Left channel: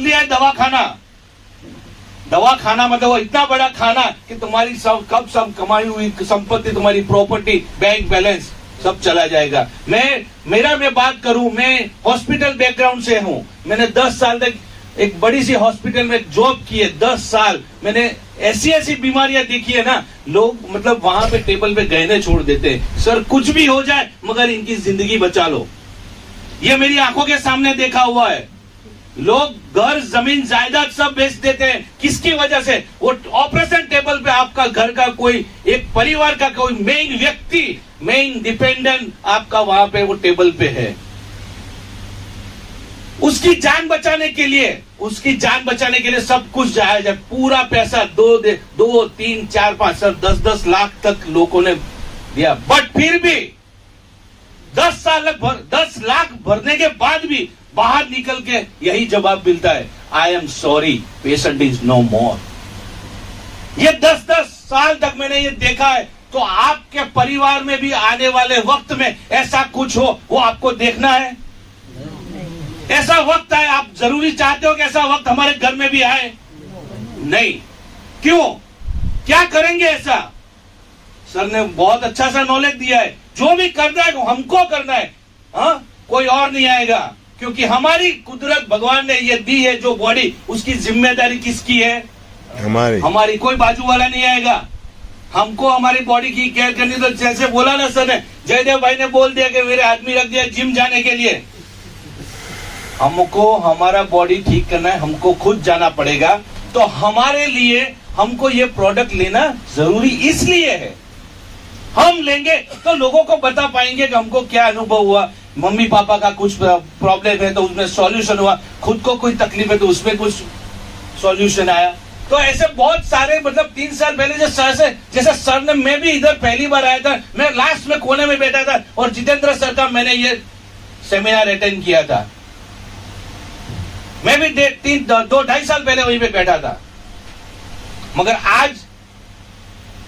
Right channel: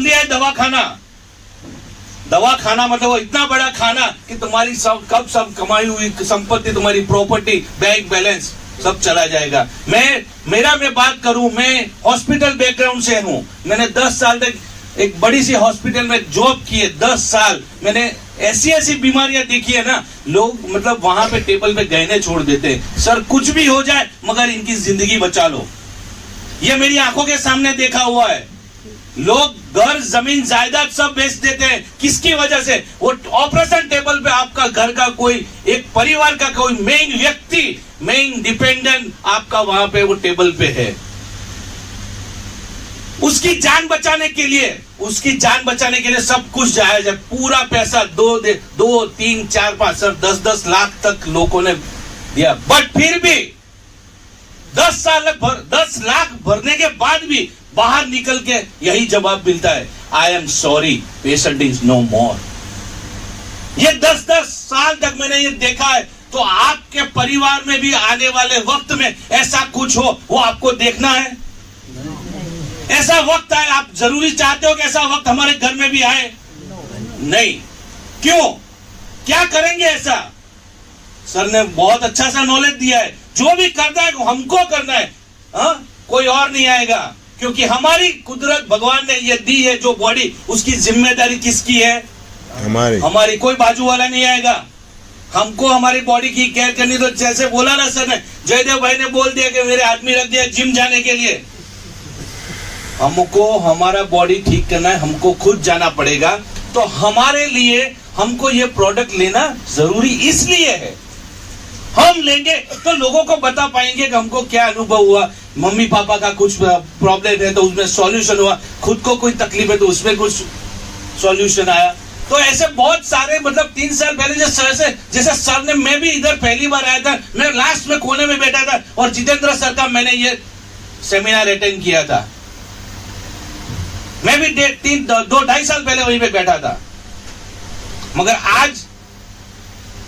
दिया है दवाखाना मतलब वो इतना बड़ा खाना कि तुम्हारी सब कमाई हुई संपत्ति, तुम्हारी प्रॉपर्टी, बैंक बैलेंस सब चला जाएगा। मैं बात करूं, मैं हॉस्पिटल बैकग्राउंड से हूं। मैंने 10 साल तक एक बड़ी सी हॉस्पिटल में जॉब की है। 10 साल मैंने ऐसी बीमारियां देखी है ना, लोग मतलब वहां पे टेबल पे गहने छोड़ देते हैं। सर कुछ भी हो जाए मगर इनकी जिंदगी बचा लो। ये मेरी आंखों के सामने देखा हुआ है। लोग घर, जमीन, जायदाद सब बेच देते हैं। किसकी वजह से? वो ऑपरेशन टेबल पे आपका घर का कोई एक परिवार का कोई मेन व्यक्ति, मेन डिपेंडेंट आपका वहां पे वो टेबल पे है। उसकी जान बचाने के लिए सब कुछ जायज है। पूरा पैसा 2, 3, 4, 5 सर 10 लाख तक लोगों ने दिया। बट फिर भी 10 लाख भरने के बाद भी बाहर निकल के यही जवाब मिलता है, I am sorry, patient is no more. ये 10 साल तक मैंने ये देखा है। तो आपके परिवार में भी आने वाले वक्त में ऐसा कुछ हो, वो आपको देखना है। ऐसा वक्त आए, आप जरूरी चाहते हो कि ऐसा वक्त हमारे घर में भी आए? नहीं। क्यों? क्या करेंगे ऐसा? सर ने बहुत अच्छा सा नॉलेज दिया है। जो भी करना है हमको करना है, कोई और नहीं आएगा। क्योंकि हमारी कुदरत भगवान ने ये दी है जो बॉडी, उसकी जिम्मेदारी किसकी है? हमारी। कोई बाजू वाला नहीं आएगा। हमको हमारी बॉडी की केयर करनी। तो जैसे बोला ना सर ने, जयदेव भाई ने बोल दिया कि मेरे आदमी रख दिया जिम जाने के लिए। हमको हमारा बॉडी ठीक करना है, हमको खुद जाना पड़ेगा। तो हमारे लिए हमको ये प्रोडक्ट लेना जरूरी इसलिए है। हम लेंगे तो लोगों को बता पाएंगे कि हमको क्या अनुभव हुआ। मम्मी पापा का कुछ प्रॉब्लम है तो उसमें सॉल्यूशन हुआ, खुद को कोई तकलीफ है तो उसमें कुछ सॉल्यूशन आया। तो ऐसे बहुत सारे मतलब 3 साल पहले जैसे सर ने, मैं भी इधर पहली बार आया था, मैं लास्ट में कोने में बैठा था और जितेंद्र सर का मैंने ये सेमिनार अटेंड किया था। मैं भी 2-2.5 साल पहले वहीं पे बैठा था। मगर आज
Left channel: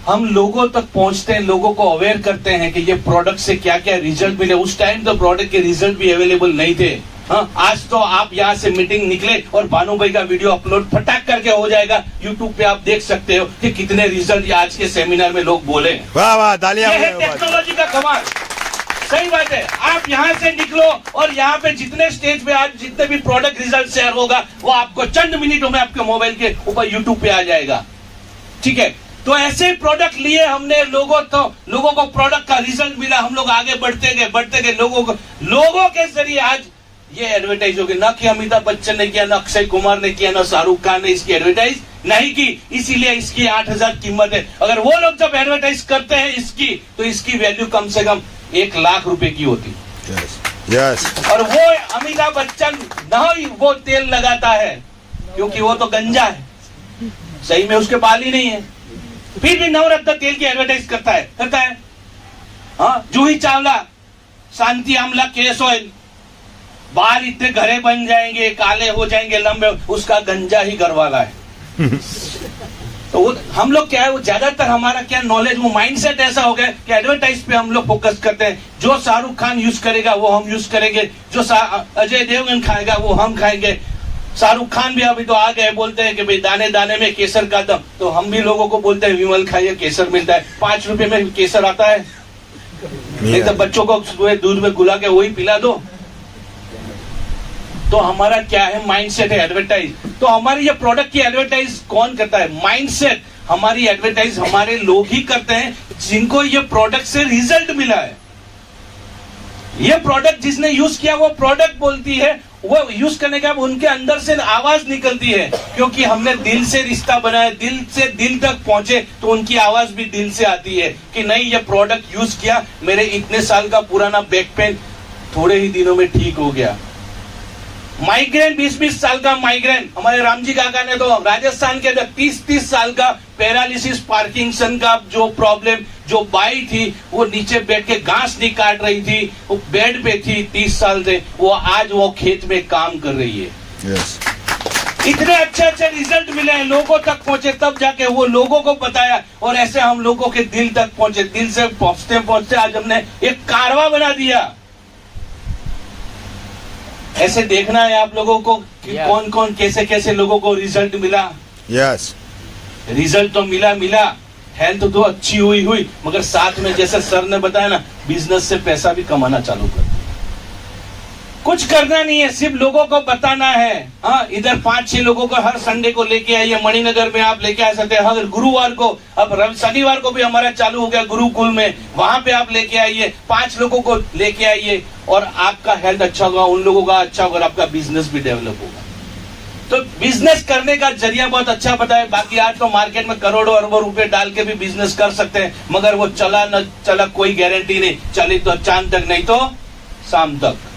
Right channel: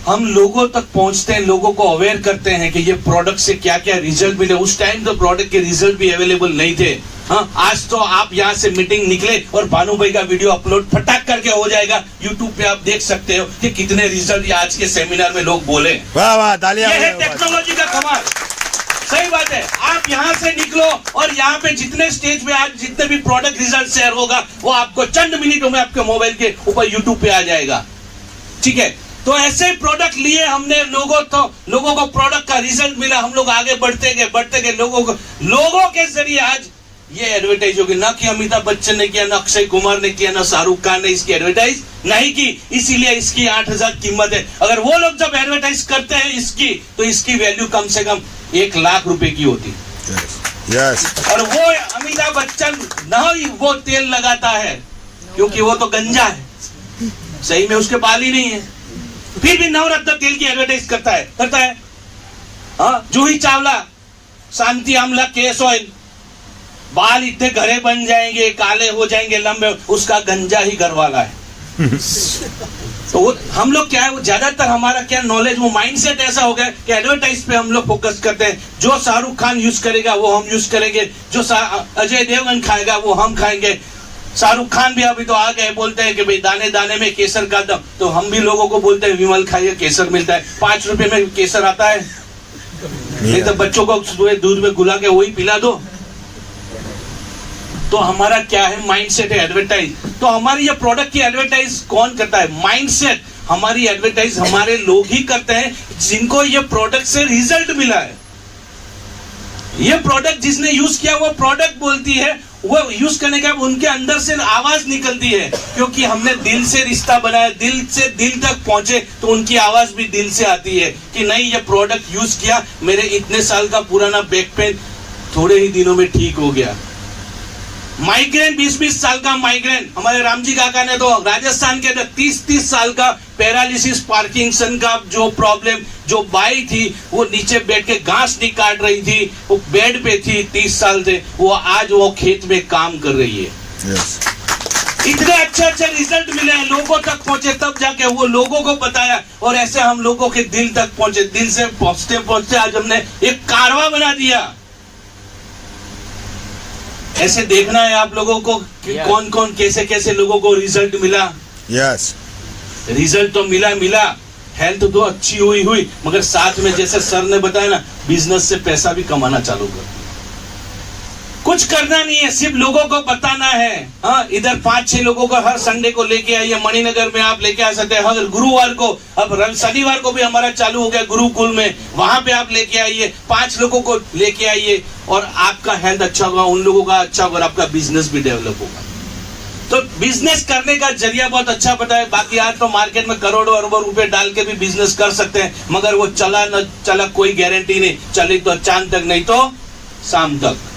हम लोगों तक पहुंचते हैं, लोगों को अवेयर करते हैं कि ये प्रोडक्ट से क्या क्या रिजल्ट मिले। उस टाइम तो प्रोडक्ट के रिजल्ट भी अवेलेबल नहीं थे। आज तो आप यहाँ से मीटिंग निकले और भानु भाई का वीडियो अपलोड फटाक करके हो जाएगा। यूट्यूब पे आप देख सकते हो कि कितने रिजल्ट आज के सेमिनार में लोग बोले। वाह वाह, तालियां। ये है टेक्नोलॉजी का कमाल। सही बात है। आप यहाँ से निकलो और यहाँ पे जितने स्टेज पे आज जितने भी प्रोडक्ट रिजल्ट शेयर होगा वो आपको चंद मिनटों में आपके मोबाइल के ऊपर यूट्यूब पे आ जाएगा। ठीक है। तो ऐसे प्रोडक्ट लिए हमने, लोगों को प्रोडक्ट का रिजल्ट मिला। हम लोग आगे बढ़ते गए लोगों के जरिए आज ये एडवर्टाइज होगी। ना कि अमिताभ बच्चन ने किया, ना अक्षय कुमार ने किया, ना शाहरुख खान ने इसकी एडवर्टाइज नहीं की, इसीलिए इसकी 8,000 कीमत है। अगर वो लोग जब एडवर्टाइज करते हैं इसकी, तो इसकी वैल्यू कम से कम 1 लाख रुपए की होती। यस। और वो अमिताभ बच्चन ना ही वो तेल लगाता है क्योंकि वो तो गंजा है, सही में उसके बाल ही नहीं है, फिर भी नवरत्न तेल की एडवर्टाइज करता है। जूही चावला, शांति आमला केस ऑयल, बाल इतने घरे बन जाएंगे, काले हो जाएंगे, लंबे, उसका गंजा ही घर वाला है। तो वो हम लोग क्या है, वो ज्यादातर हमारा क्या नॉलेज, वो माइंडसेट ऐसा हो गया कि एडवर्टाइज पे हम लोग फोकस करते हैं। जो शाहरुख खान यूज करेगा वो हम यूज करेंगे, जो अजय देवगन खाएगा वो हम खाएंगे। शाहरुख खान भी अभी तो आ गए, बोलते हैं कि भाई दाने दाने में केसर का दम, तो हम भी लोगों को बोलते हैं विमल खाइए, केसर मिलता है। 5 रुपए में केसर आता है, नहीं तो बच्चों को दूध में गुला के वही पिला दो। तो हमारा क्या है, माइंडसेट है एडवर्टाइज। तो हमारी ये प्रोडक्ट की एडवर्टाइज कौन करता है? माइंडसेट। हमारी एडवर्टाइज हमारे लोग ही करते हैं जिनको ये प्रोडक्ट से रिजल्ट मिला है। ये प्रोडक्ट जिसने यूज किया वो प्रोडक्ट बोलती है, वो यूज करने के बाद उनके अंदर से आवाज निकलती है, क्योंकि हमने दिल से रिश्ता बनाया, दिल से दिल तक पहुंचे, तो उनकी आवाज भी दिल से आती है कि नहीं, ये प्रोडक्ट यूज किया, मेरे इतने साल का पुराना बैक पेन थोड़े ही दिनों में ठीक हो गया। माइग्रेन, 20-20 साल का माइग्रेन, हमारे रामजी काका ने तो राजस्थान के 30-30 साल का पैरालिसिस, पार्किंसन का जो प्रॉब्लम, जो बाई थी वो नीचे बैठ के घास नहीं काट रही थी, वो बेड पे थी, 30 साल थे, वो आज वो खेत में काम कर रही है। yes. इतने अच्छे रिजल्ट मिले हैं, लोगों तक पहुंचे, तब जाके वो लोगों को बताया, और ऐसे हम लोगों के दिल तक पहुंचे। दिल से पहुंचते पहुंचते आज हमने एक कारवा बना दिया। ऐसे देखना है आप लोगों को कि कौन कौन कैसे कैसे लोगों को रिजल्ट मिला। यस रिजल्ट तो मिला, हेल्थ तो अच्छी हुई, मगर साथ में जैसे सर ने बताया ना, बिजनेस से पैसा भी कमाना चालू कर। कुछ करना नहीं है, सिर्फ लोगों को बताना है। हाँ, इधर 5-6 लोगों को हर संडे को लेके आइए। मणिनगर में आप लेके आ सकते हैं, हर गुरुवार को, अब शनिवार को भी हमारा चालू हो गया गुरुकुल में, वहां पे आप लेके आइए। 5 लोगों को लेके आइए और आपका हेल्थ अच्छा होगा, उन लोगों का अच्छा होगा, आपका बिजनेस भी डेवलप होगा। तो बिजनेस करने का जरिया बहुत अच्छा पता है। बाकी आज तो मार्केट में करोड़ों अरबों रुपए डाल के भी बिजनेस कर सकते हैं, मगर वो चला न चला कोई गारंटी नहीं। चली तो चांद तक, नहीं तो शाम तक।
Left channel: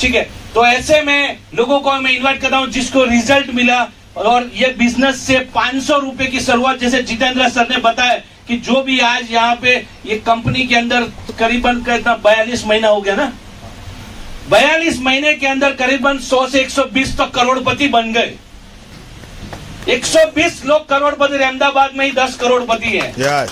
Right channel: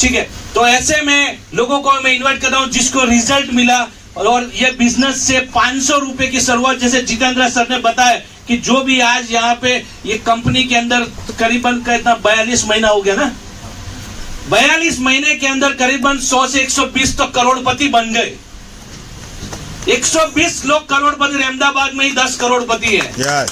ठीक है, तो ऐसे में लोगों को मैं इन्वाइट कर रहा हूं जिसको रिजल्ट मिला, और ये बिजनेस से 500 रुपए की शुरुआत, जैसे जितेंद्र सर ने बताया कि जो भी आज यहाँ पे ये कंपनी के अंदर करीबन कितना 42 महीना हो गया ना, 42 महीने के अंदर करीबन 100 से 120 तो करोड़पति बन गए। 120 लोग करोड़पति, अहमदाबाद में ही 10 करोड़पति है। यस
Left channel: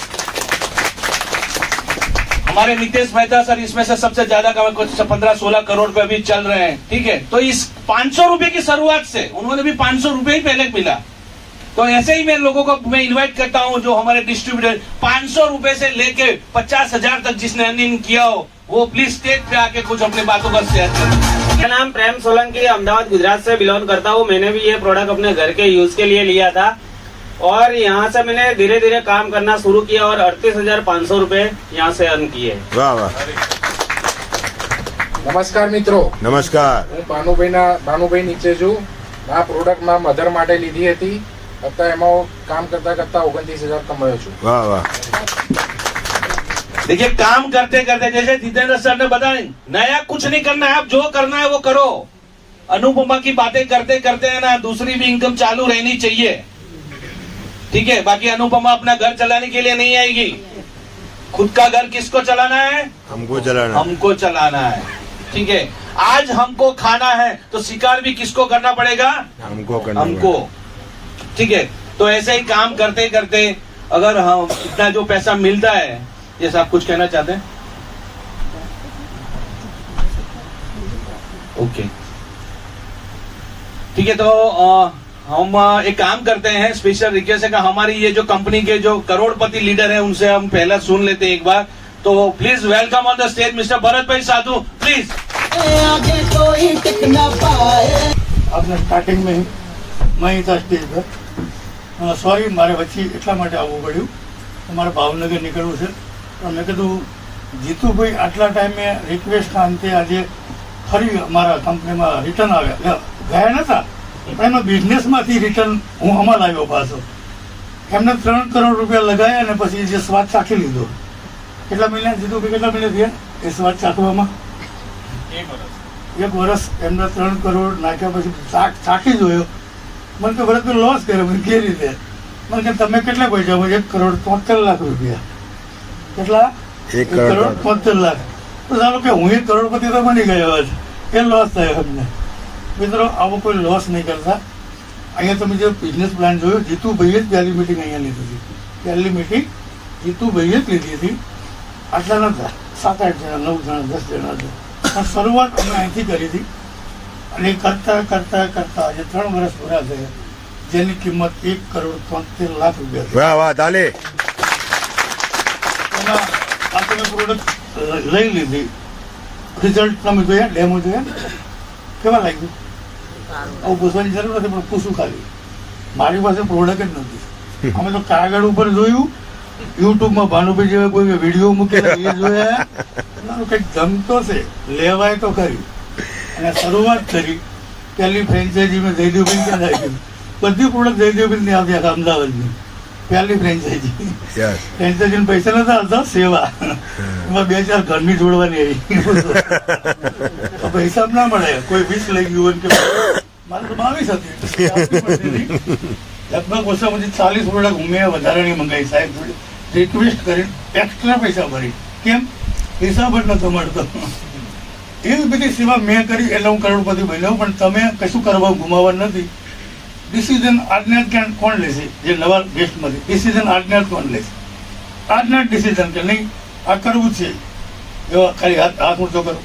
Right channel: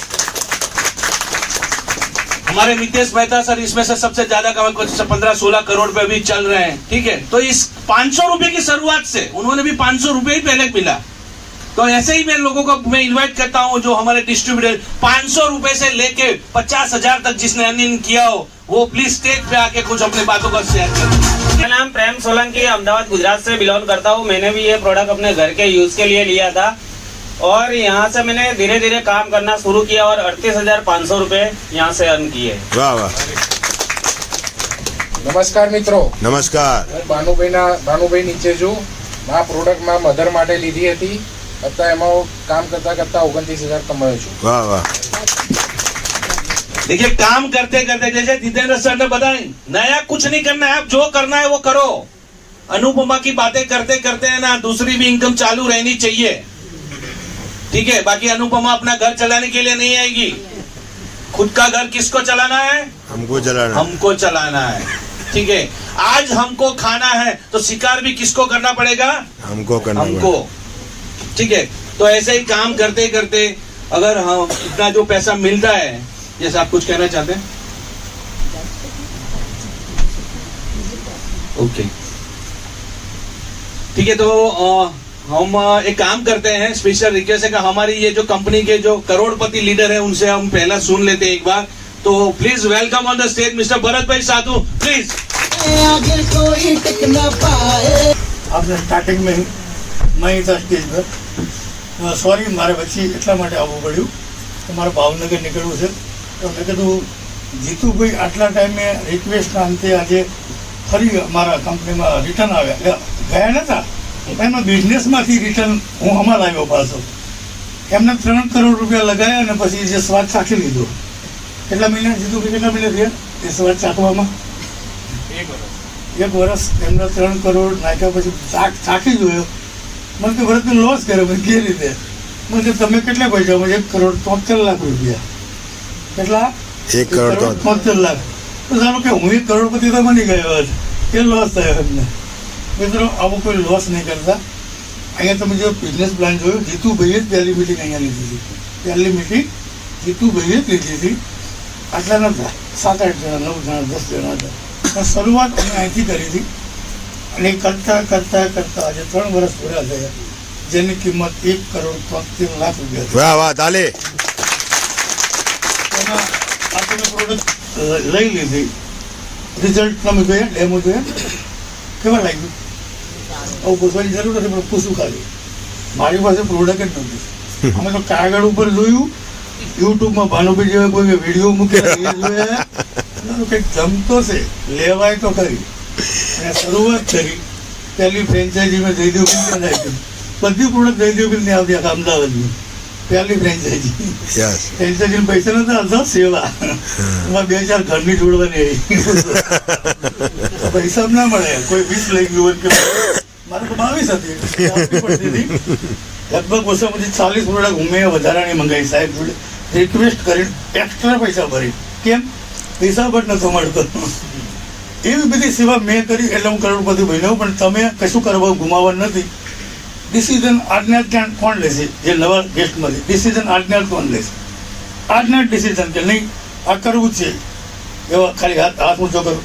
हमारे नितेश मेहता सर इसमें से सबसे ज्यादा कमाए, कुछ 15-16 करोड़ रुपए भी चल रहे हैं। ठीक है, तो इस 500 रुपए की शुरुआत से उन्होंने भी 500 रुपए ही पहले मिला। तो ऐसे ही मैं लोगों को मैं इनवाइट करता हूं, जो हमारे डिस्ट्रीब्यूटर 500 रुपए से लेके 50,000 तक जिसने अर्निंग किया हो, वो प्लीज स्टेज पे आके कुछ अपनी बातों पर शेयर करें। मेरा नाम प्रेम सोलंकी, अहमदाबाद गुजरात से बिलोंग करता हूँ। मैंने भी ये प्रोडक्ट अपने घर के यूज के लिए लिया था, और यहाँ से मैंने धीरे धीरे काम करना शुरू किया और 38,500 रुपए यहाँ से अर्न किए। વાહ વાહ નમસ્કાર મિત્રો, નમસ્કાર હું ભાનુભાઈ નીચે છું. આ પ્રોડક્ટ માં મધર માટે લીધી હતી, અત્યારે એમાં કામ કરતા કરતા 29,000 કમાયો છું. વાહ વાહ देखिए, काम करते करते जैसे जितेंद्र सर ने बताया, नया कुछ नहीं करना है, आप जो करना है वो करो। अनुपमा की बातें करते करते है ना, दूसरी भी इनकम चालू रहनी चाहिए। ठीक है, बाकी अनुपमा अपना घर चलाने के लिए नहीं आएगी। खुद का घर किसको चलाना है? हमको चलाना हमको चलाना है। ठीक है, आज हमको खाना है तो शिकार भी किसको करना पड़ेगा? हमको करना हमको। ठीक है, तो ऐसे ही काम करते करते अगर हम इतना जो पैसा मिलता है, जैसे आप कुछ कहना चाहते हैं? ओके, ठीक है, तो हम एक काम करते हैं, स्पेशल रिक्वेस्ट है कि हमारी ये जो कंपनी के जो करोड़पति लीडर है उनसे हम पहला सुन लेते हैं एक बार। तो please welcome on the stage mister Bharat भाई साधु, प्लीज। आपने स्टार्टिंग में मैं था स्टेज पर, सॉरी मारे પછી એટલા માટે આવવું પડ્યું કે મારે ભાવનગર નીકળવું છે, તો મેં કીધું જીતુભાઈ આટલા ટાઈમે રિક્વેસ્ટના અંતે આજે ફરી અમારા કંપનીમાં રિટર્ન આવ્યા, ગયા નહોતા પણ એમાં બિઝનેસમાંથી રિટર્ન હું આમાં લાવ્યો પાછો. એમને 3 કરોડ રૂપિયા લગાવ્યા અને પછી જે સ્વાદ ચાખી લીધો. કેટલા મહિના જીતુભાઈ, કેટલા મહિના થયા એ સ્વાદ ચાખવામાં? 1 વર્ષ એમને 3 કરોડ નાખ્યા પછી ચાખી જોયો. મને તો ભરતનો લોસ કર્યો. મને કે રીતે? મને કે તમે કેટલા પૈસા? 1 કરોડ 73 લાખ રૂપિયા. કેટલા? 1 કરોડ 73 લાખ. તો ધારો કે હું 1 કરોડપતિ તો બની ગયો છે, કે લોસ થયો એમને? મિત્રો, આવો કોઈ લોસ નહીં કરતા. અહીંયા તમે જે બિઝનેસ પ્લાન જોયો, જીતુભાઈએ જ પહેલી મિટિંગ અહીંયા લીધી હતી. પહેલી મિટિંગ જીતુભાઈએ જ લીધી હતી. આટલા નહોતા, 7-8 જણા, 9 જણા, 10 જણા હતા. પણ શરૂઆત અમે અહીંથી કરી હતી, અને કરતા કરતા કરતા આજે 3 વર્ષ પૂરા થયા, જેની કિંમત 1 કરોડ 73 લાખ રૂપિયા છે. વાહ વાહ તાલી. એમાં આ તમે પ્રોડક્ટ લઈ લીધી, રિઝલ્ટ તમે જોયા, ડેમો જોયા, કેવા લાગ્યું? આવું પૂછવાની જરૂર નથી, પણ પૂછું ખાલી. મારી પાસે પ્રોડક્ટ જ નથી. અમે તો કાગળ ઉપર જોયું, યુટ્યુબમાં ભાનુભાઈ જેવા કોઈ વિડીયો મૂક્યા એ જોયા, કંઈક જમતો છે, લેવાય તો ખરી. અને શરૂઆત કરી, પહેલી ફ્રેન્ચાઇઝી મેં જયદેવભાઈ ત્યાં આપી. બધી પ્રોડક્ટ જયદેવભાઈ આપી આખા અમદાવાદની પહેલી ફ્રેન્ચાઇઝી. યસ ફ્રેન્ચાઇઝી પૈસા નતા આવતા, સેવા એમાં 2-4 ઘરની જોડવાની રહી. પૈસા ના મળે, કોઈ 20 લઈ ગયું કે મારે તો 22 હતી, લગભગ ઓછામાંથી 40 પ્રોડક્ટ મેં વધારાની મંગાવી સાહેબ જોડે રિક્વેસ્ટ કરી, એક્સ્ટ્રા પૈસા ભરી. કેમ? હિસાબ જ નતો મળતો. એવી બધી સેવા મેં કરી એટલે હું કરોડપતિ બન્યો. પણ તમે કશું કરવા ગુમાવવા નથી. ડિસિઝન આજને જ કોણ લેશે? જે નવા ગેસ્ટમાંથી ડિસિઝન આજને જ કોણ લેશે? આજના જ ડિસિઝન કે નહીં આ કરવું જ છે, એવા ખાલી હાથ ઊંચો કરો.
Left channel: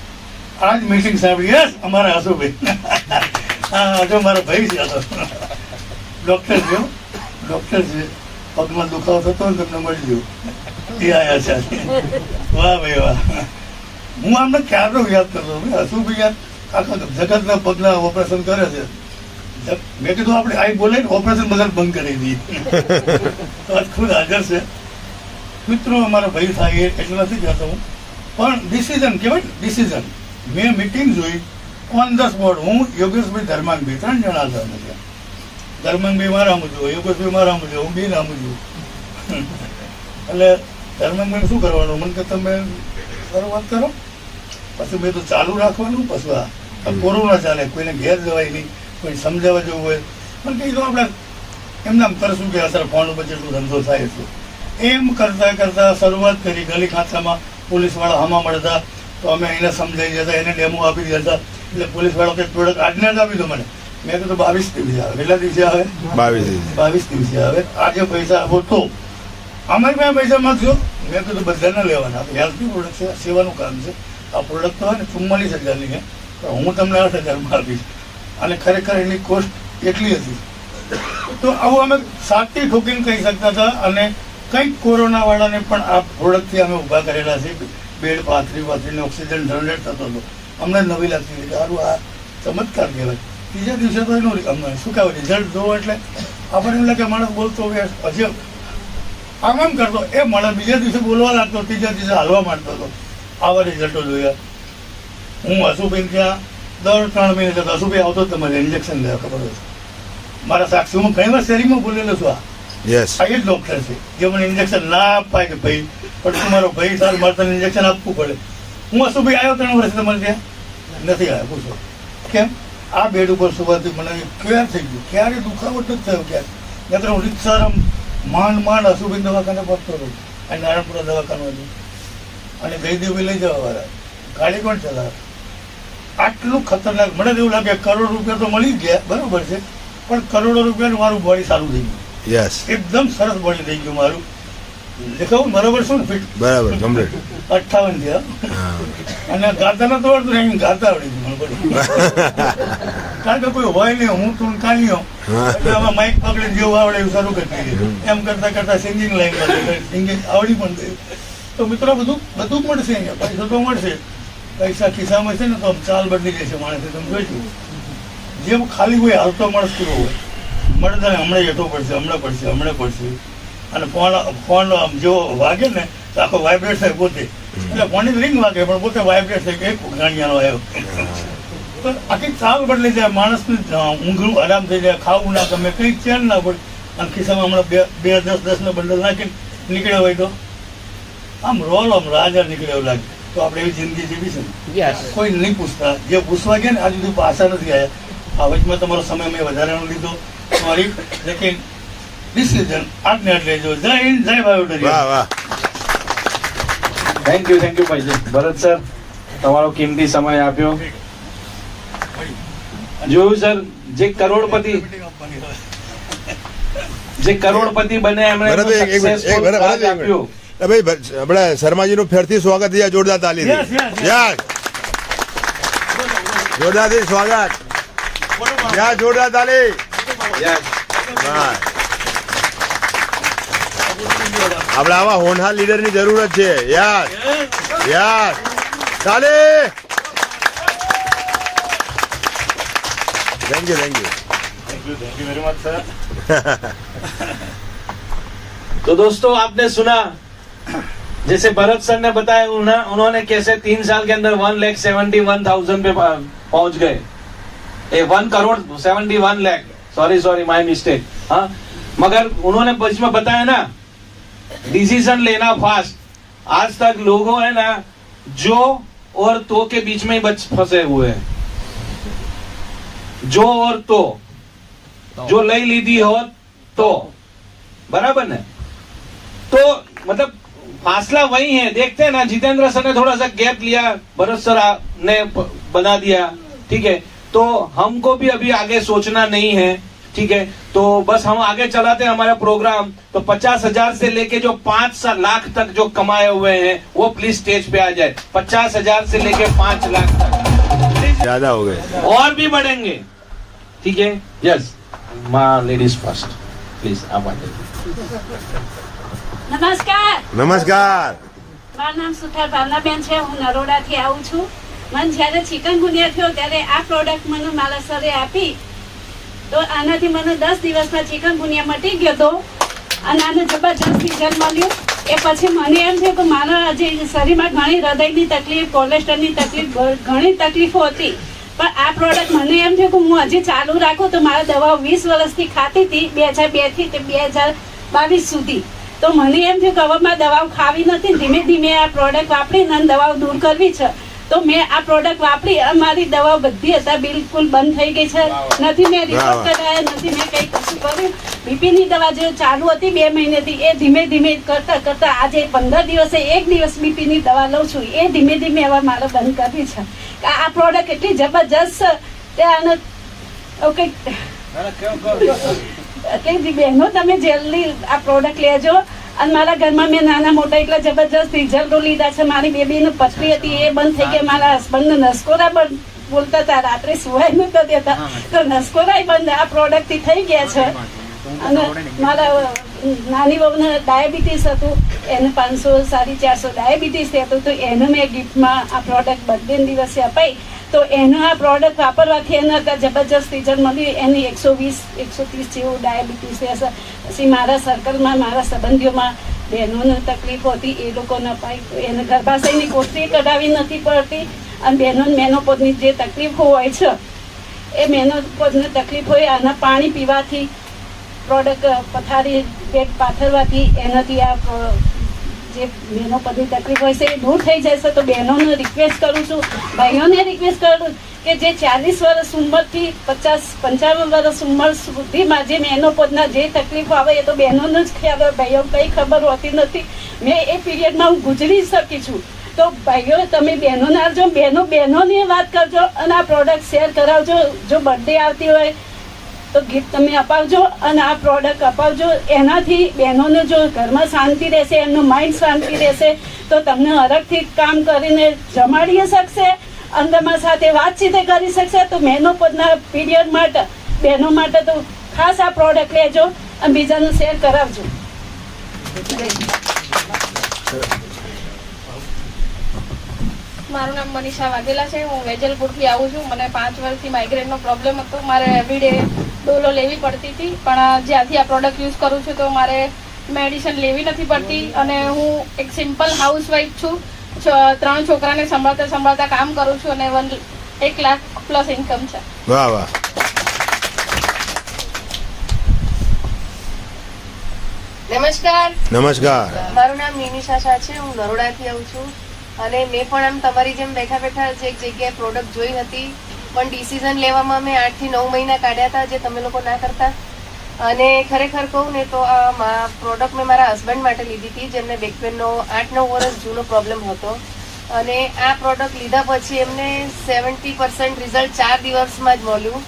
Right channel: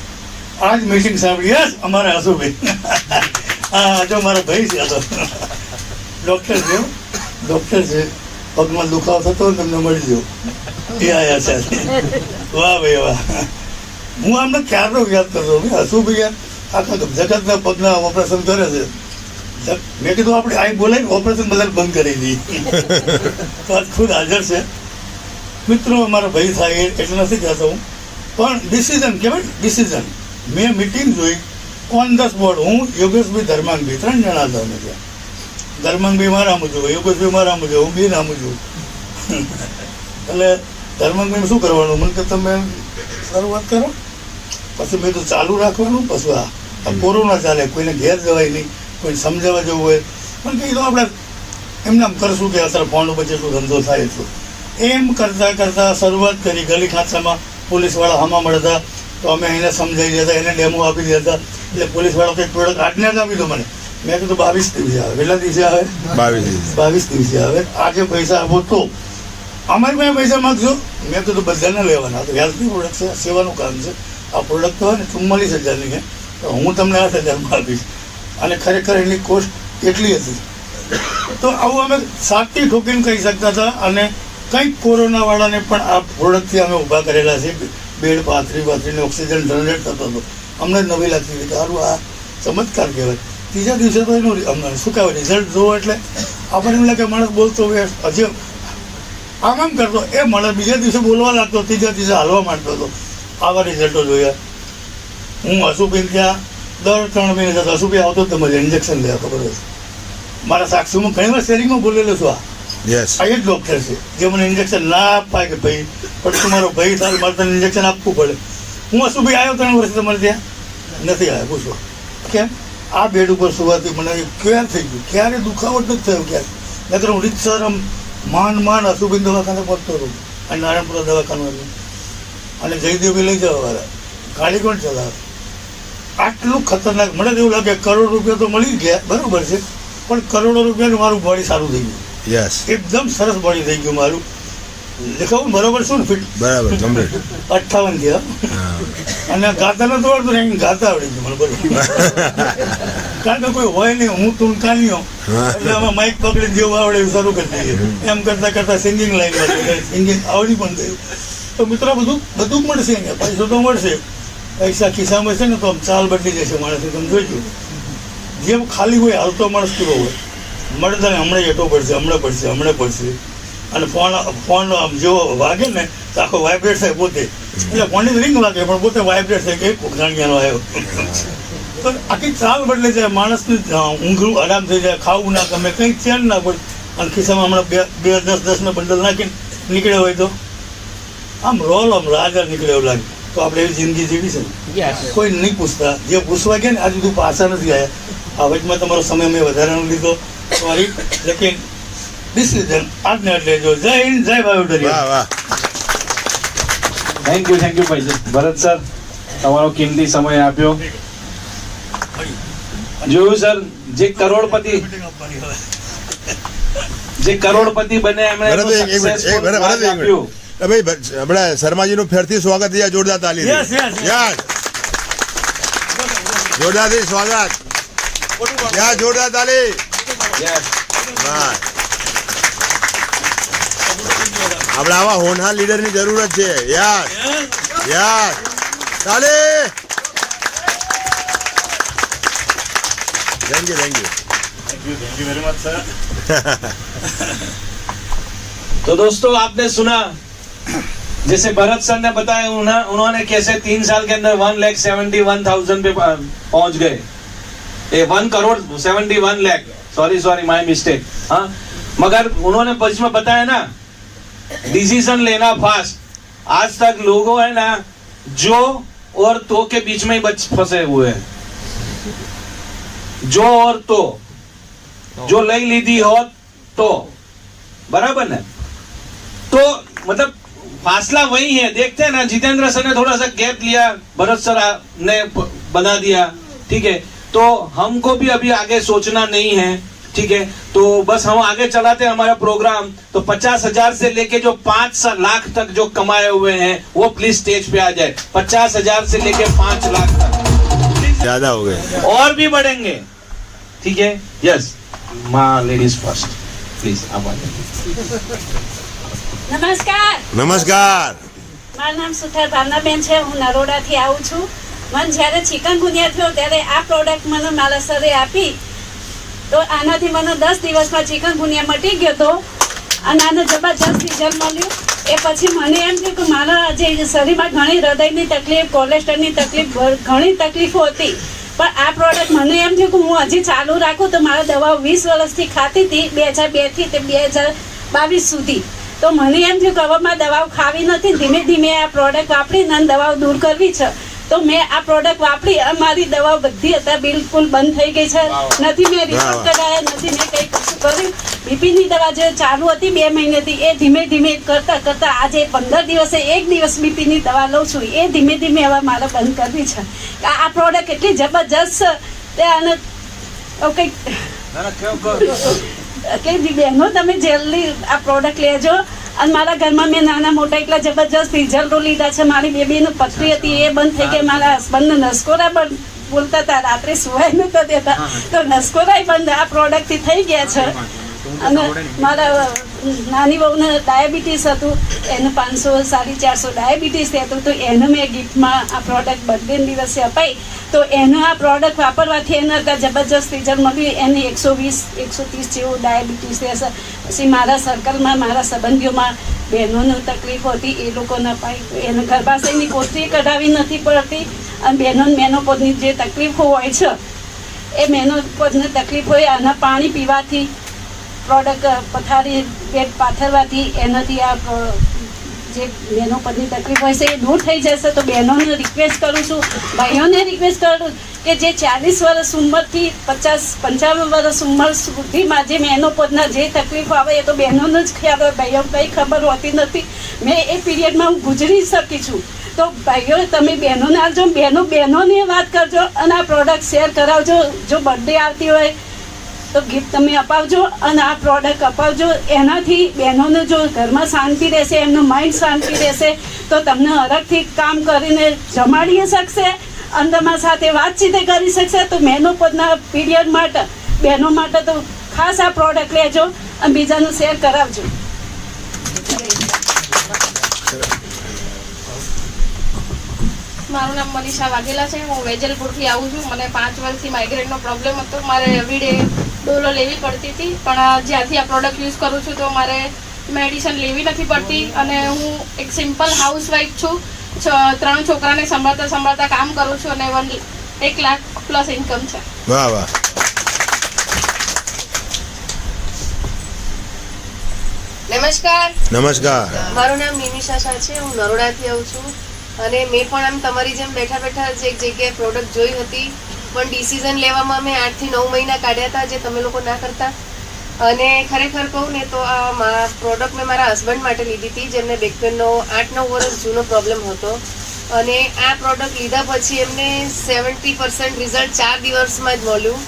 આજ મીટિંગ સાંભળી. યસ, અમારા આસુભાઈ. હા, જો મારો ભાઈ છે, આ તો ડોક્ટર છે, ડોક્ટર છે. પગમાં દુખાવો થતો હોય તમને મળી જો એ આયા છે. વાહ ભાઈ વાહ. હું આમને ક્યારનો યાદ કરતો હસુભાઈ યાર આખા જગતના પગના ઓપરેશન કરે છે. મેં કીધું આપણે આ બોલાય ઓપરેશન બધા બંધ કરી દઈએ. તો આજ ખુદ હાજર છે. મિત્રો અમારો ભાઈ થાય એટલે નથી કહેતો હું, પણ ડિસિઝન કહેવાય ને, ડિસિઝન. મેં મિટિંગ જોઈ ઓન ધ સ્પોટ. હું યોગેશભાઈ ધર્માનભાઈ 3 જણા હતા અમે ત્યાં. ધર્માંગભાઈ મારા મુજબ, યોગેશભાઈ મારા મુજબ, હું બી ના મુજબ. એટલે ધર્માંગભાઈ શું કરવાનું, મને કે તમે શરૂઆત કરો, પછી મેં તો ચાલુ રાખવાનું. પછી આ કોરોના ચાલે, કોઈને ઘેર જવાય નહીં, કોઈ સમજાવવા જવું હોય પણ કીધું આપણે એમને આમ કરશું કે અત્યારે ફોન ઉપર જેટલું ધંધો થાય એટલું. એમ કરતાં કરતાં શરૂઆત કરી. ગલી ખાંચામાં પોલીસવાળા હમા મળતા તો અમે એને સમજાવી દેતા, એને ડેમો આપી દેતા. એટલે પોલીસવાળા કંઈક પ્રોડક્ટ આજના જ આપી દો મને. મેં કીધું 22 દિવસે આવે. કેટલા દિવસે આવે? 22 દિવસે આવે. આજે પૈસા આપો તો અમારી પાસે પૈસા માગશો. મેં કીધું બધાને લેવાના. તો વ્યાજબી પ્રોડક્ટ છે, સેવાનું કામ છે. આ પ્રોડક્ટ તો હોય ને 44,000ની છે, તો હું તમને 8,000માં આપીશ. અને ખરેખર એની કોસ્ટ એટલી હતી. તો આવું અમે સાચી ઠોકીને કહી શકતા હતા. અને કંઈક કોરોનાવાળાને પણ આ પ્રોડક્ટથી અમે ઊભા કરેલા છે. બેડ પાથરીને ઓક્સિજન જનરેટ થતો હતો. અમને નવી લાગતી હતી કે સારું આ ચમત્કાર કહેવાય. ત્રીજા દિવસે તો એનું શું કહેવાય રિઝલ્ટ જોવો એટલે આપણને એમ લાગે માણસ બોલતો હજી આમ કરતો એ માણસ બીજા દિવસે બોલવા લાગતો, ત્રીજા દિવસે હાલવા માંડતો હતો. આવા રિઝલ્ટો જોયા. હું હસુભાઈ ત્યાં દર 3 મહિને જતો. હસુભાઈ આવતો જ મને ઇન્જેક્શન લેવા, ખબર હોય મારા સાક્ષીમાં ઘણી વાર શેરિંગમાં બોલેલો છું. આ એ જ ડોક્ટર છે જે મને ઇન્જેક્શન ના અપાય કે ભાઈ પણ તું મારો ભાઈ સાલ મારે તને ઇન્જેક્શન આપવું પડે. હું હસુભાઈ આવ્યો 3 વર્ષ તમારે ત્યાં નથી આવ્યા. પૂછો કેમ? આ બેડ ઉપર સુવાથી મને ક્યાં થઈ ગયું, ક્યારે દુખાવો જ નથી થયો ક્યારે. નકર હું રીતસર આમ માંડ હસુભાઈ દવાખાને પહોંચતો હતો. અને નારાયણપુરા દવાખાનું હતું. અને જયદેવભાઈ લઈ જવા વાળા, ગાડી કોણ ચલાવે? આટલું ખતરનાક. મને એવું લાગે કરોડ રૂપિયા તો મળી ગયા, બરોબર છે, પણ કરોડો રૂપિયાનું મારું બોડી સારું થઈ ગયું. યસ, એકદમ સરસ બોડી થઈ ગયું મારું. દેખાવું બરાબર શું ને? ફિટ બરાબર, કમ્પ્લીટ 58 થયા. અને ગાતા નતો આવડતું ને, ગાતા આવડી ગયું મને બધું. કારણ કે કોઈ હોય નહીં, હું તું કાલ્યો એટલે આમાં માઇક પકડીને જેવું આવડે એવું શરૂ કરી દીધું. એમ કરતા કરતા સિંગિંગ લાઈનમાં સિંગિંગ આવડી પણ ગયું. તો મિત્રો બધું મળશે અહીંયા. પૈસો તો મળશે, પૈસા ખિસ્સામાં છે ને તો આમ ચાલ બદલી જશે માણસે. તમે જોઈજો જેમ ખાલી હોય હાલતો માણસ પૂરો હોય મળે તને હમણાં હેઠો પડશે, હમણાં પડશે. અને ફોન આમ જેવો વાગે ને તો આખો વાઇબ્રેટ થાય પોતે. એટલે ફોનની રિંગ વાગે પણ પોતે વાઇબ્રેટ થાય કે એક ગાંડિયાનો આવ્યો. તો આખી ચાલ બદલી જાય. માણસની ઊંઘરું આરામ થઈ જાય, ખાવું ના ગમે, કંઈ ચેન ના પડે. અને ખિસ્સામાં હમણાં 10 બંડલ નાખીને નીકળ્યા હોય તો આમ રાજા નીકળે એવું લાગે. તો આપણે એવી જિંદગી જીવી છે ને, કોઈ નહીં પૂછતા. જે પૂછવા ગયા ને આજે સુધી પાછા નથી આવ્યા. આ વચમાં તમારો સમય મેં વધારાનો લીધો મારી, લેકિન ડિસિઝન આજને એટલે જો. જય હિન્દ, જય ભાવડરિયા. થેન્ક યુ ભાઈ ભરત સર, તમારો કિંમતી સમય આપ્યો. જોયું સર, જે કરોડપતિ બને એમણે આપણે શર્માજીનું ફેરથી સ્વાગત થયા. જોરદાર તાલી, જોરદારથી સ્વાગત. જોરદાર તાલી. આપણે આવા હોનહાર લીડરની જરૂરત છે. યસ, તાલી. Thank you very much sir. तो दोस्तों आपने सुना जैसे भरत सर ने बताया, उन्होंने कैसे 3 साल के अंदर 1,71,000 पे पहुंच गए. 1,71 लाख, सॉरी माय मिस्टेक. हाँ, मगर उन्होंने बीच में बताया ना, डिसीजन लेना फास्ट. आज तक लोगों है ना जो और तो के बीच में ही फंसे हुए हैं. जो और तो, जो लई लीधी हो तो बराबर ना, तो मतलब फासला वही है. देखते हैं ना, जितेंद्र सर ने थोड़ा सा गैप लिया, भरत सर ने बना दिया, ठीक है. तो हमको भी अभी आगे सोचना नहीं है, ठीक है. तो बस हम आगे चलाते हैं हमारा प्रोग्राम. तो 50,000 से लेके जो 5 लाख तक जो कमाए हुए हैं वो प्लीज स्टेज पे आ जाए. 50,000 से लेके 5 लाख तक. ज्यादा हो गए। और भी बढ़ेंगे, ठीक है। यस माँ, लेडीज फर्स्ट प्लीज, आप નમસ્કાર, नमस्कार। મારું નામ સુથાર ભાવનાબેન છે. હું નરોડાથી આવું છું. મને જ્યારે ચિકનગુનિયા થયો ત્યારે આ પ્રોડક્ટ મને મારા સરે આપી, તો આનાથી મને 10 દિવસમાં ચિકનગુનિયા મટી ગયો હતો અને આને જબરજસ્ત રિઝલ્ટ મળ્યું. એ પછી મને એમ થયું કે મારા જે શરીરમાં ઘણી હૃદયની તકલીફ, કોલેસ્ટ્રોલની તકલીફ, ઘણી તકલીફો હતી, પણ આ પ્રોડક્ટ મને એમ થયું કે હું હજી ચાલુ રાખું તો મારા દવાઓ 20 વર્ષથી ખાતી હતી, 2002 થી તે 2022 સુધી. તો મને એમ થયું કે હવે મારે દવાઓ ખાવી નથી, ધીમે ધીમે આ પ્રોડક્ટ વાપરીને દવાઓ દૂર કરવી છે. તો મેં આ પ્રોડક્ટ વાપરી, મારી દવાઓ બધી અત્યારે બિલકુલ બંધ થઈ ગઈ છે. નથી મેં રિપોર્ટ કરાયા, નથી મેં કંઈ કશું કર્યું. બીપીની દવા જે ચાલુ હતી 2 મહિનેથી, એ ધીમે ધીમે કરતા કરતા આજે 15 દિવસે 1 દિવસ બીપીની દવા લઉં છું. એ ધીમે ધીમે હવે મારે બંધ કરવી છે. આ પ્રોડક્ટ એટલી જબરજસ્ત છે. આને કંઈક બહેનો તમે જલ્દી આ પ્રોડક્ટ લેજો. અને મારા ઘરમાં મેં નાના મોટા એટલા જબરજસ્ત રિઝલ્ટો લીધા છે. મારી બેબીને પથરી હતી, એ બંધ થઈ ગઈ. મારા હસબન્ડને નસકોરા બંધ બોલતા હતા, રાત્રે સુવાય નતા દેતા, તો નસકોરાય બંધ આ પ્રોડક્ટથી થઈ ગયા છે. અને મારા નાની બહુને ડાયાબિટીસ હતું, એને 500 450 ડાયાબિટીસ થતું, તો એને મેં ગિફ્ટમાં આ પ્રોડક્ટ બર્થડે દિવસે અપાઈ. તો એનું આ પ્રોડક્ટ વાપરવાથી એને અત્યારે જબરજસ્ત રિઝલ્ટ મળ્યું. એને 120 130 જેવું ડાયાબિટીસ રહેશે. પછી મારા સર્કલમાં, મારા સંબંધીઓમાં બહેનોને તકલીફો હતી, એ લોકોને અપાઈ. એને ગર્ભાશયની કોથળી કઢાવી નથી પડતી. અને બહેનોને મેનોપોઝની જે તકલીફો હોય છે, એ મેનોપોઝની તકલીફ હોય, આના પાણી પીવાથી, પ્રોડક્ટ પથારી પેટ પાથરવાથી, એનાથી આ જે મેનોપોઝની તકલીફ હોય છે એ દૂર થઈ જશે. તો બહેનોને રિક્વેસ્ટ કરું છું, ભાઈઓને રિક્વેસ્ટ કરું કે જે 40 વર્ષ ઉંમરથી 55 વર્ષ ઉંમર સુધીમાં જે મેનોપોઝના જે તકલીફો આવે, એ તો બહેનોને જ ખ્યાલ હોય, ભાઈઓ કંઈ ખબર હોતી નથી. મેં એ પીરિયડમાં હું ગુજરી શકી છું. તો ભાઈઓ તમે બહેનોને આવજો, બહેનોની વાત કરજો અને આ પ્રોડક્ટ શેર કરાવજો. જો બર્થડે આવતી હોય તો ગિફ્ટ તમે અપાવજો અને આ પ્રોડક્ટ અપાવજો. એનાથી બહેનોને જો ઘરમાં શાંતિ રહેશે, એમનું માઇન્ડ શાંતિ રહેશે, તો તમને હરખથી કામ કરીને જમાડી શકશે, અને તમારા સાથે વાતચીત કરી શકશે. તો મેનોપોઝના પીરિયડ માટે, બહેનો માટે તો ખાસ આ પ્રોડક્ટ લેજો અને બીજાને શેર કરાવજો. મારું નામ મનીષા વાઘેલા છે. હું વેજલપુરથી આવું છું. મને 5 વર્ષથી માઇગ્રેનનો પ્રોબ્લેમ હતો. મારે એવરીડે ડોલો લેવી પડતી હતી, પણ જ્યારથી આ પ્રોડક્ટ યુઝ કરું છું તો મારે મેડિસિન લેવી નથી પડતી. અને હું એક સિમ્પલ હાઉસવાઈફ છું. 3 છોકરાને સંભાળતા કામ કરું છું અને 1 લાખ પ્લસ ઇન્કમ છે. વાહ વાહ. નમસ્કાર. નમસ્કાર. મારું નામ નિમિષા શાહ છે. હું નરોડાથી આવું છું અને મેં પણ આમ તમારી જેમ બેઠા બેઠા જ એક જગ્યાએ પ્રોડક્ટ જોઈ હતી, પણ ડિસિઝન લેવામાં મેં 8 થી 9 મહિના કાઢ્યા હતા, જે તમે લોકો ના કરતા. અને ખરેખર કહું ને તો આ પ્રોડક્ટ મેં મારા હસબન્ડ માટે લીધી હતી, જેમને બેકપેનનો 8-9 વર્ષ જૂનો પ્રોબ્લેમ હતો. અને આ પ્રોડક્ટ લીધા પછી એમને 70% રિઝલ્ટ 4 દિવસમાં જ મળ્યું.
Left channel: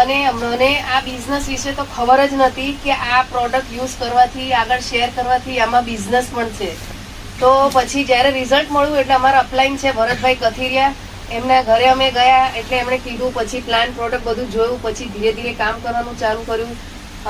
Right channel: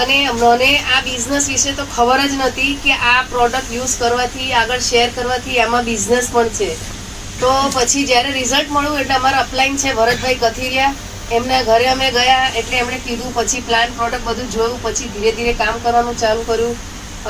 અને મને આ બિઝનેસ વિશે તો ખબર જ નથી કે આ પ્રોડક્ટ યુઝ કરવાથી, આગળ શેર કરવાથી આમાં બિઝનેસ પણ છે. તો પછી જ્યારે રિઝલ્ટ મળ્યું એટલે અમારા અપલાઈન છે ભરતભાઈ કથિરિયા, એમના ઘરે અમે ગયા એટલે એમણે કીધું, પછી પ્લાન પ્રોડક્ટ બધું જોયું, પછી ધીરે ધીરે કામ કરવાનું ચાલુ કર્યું.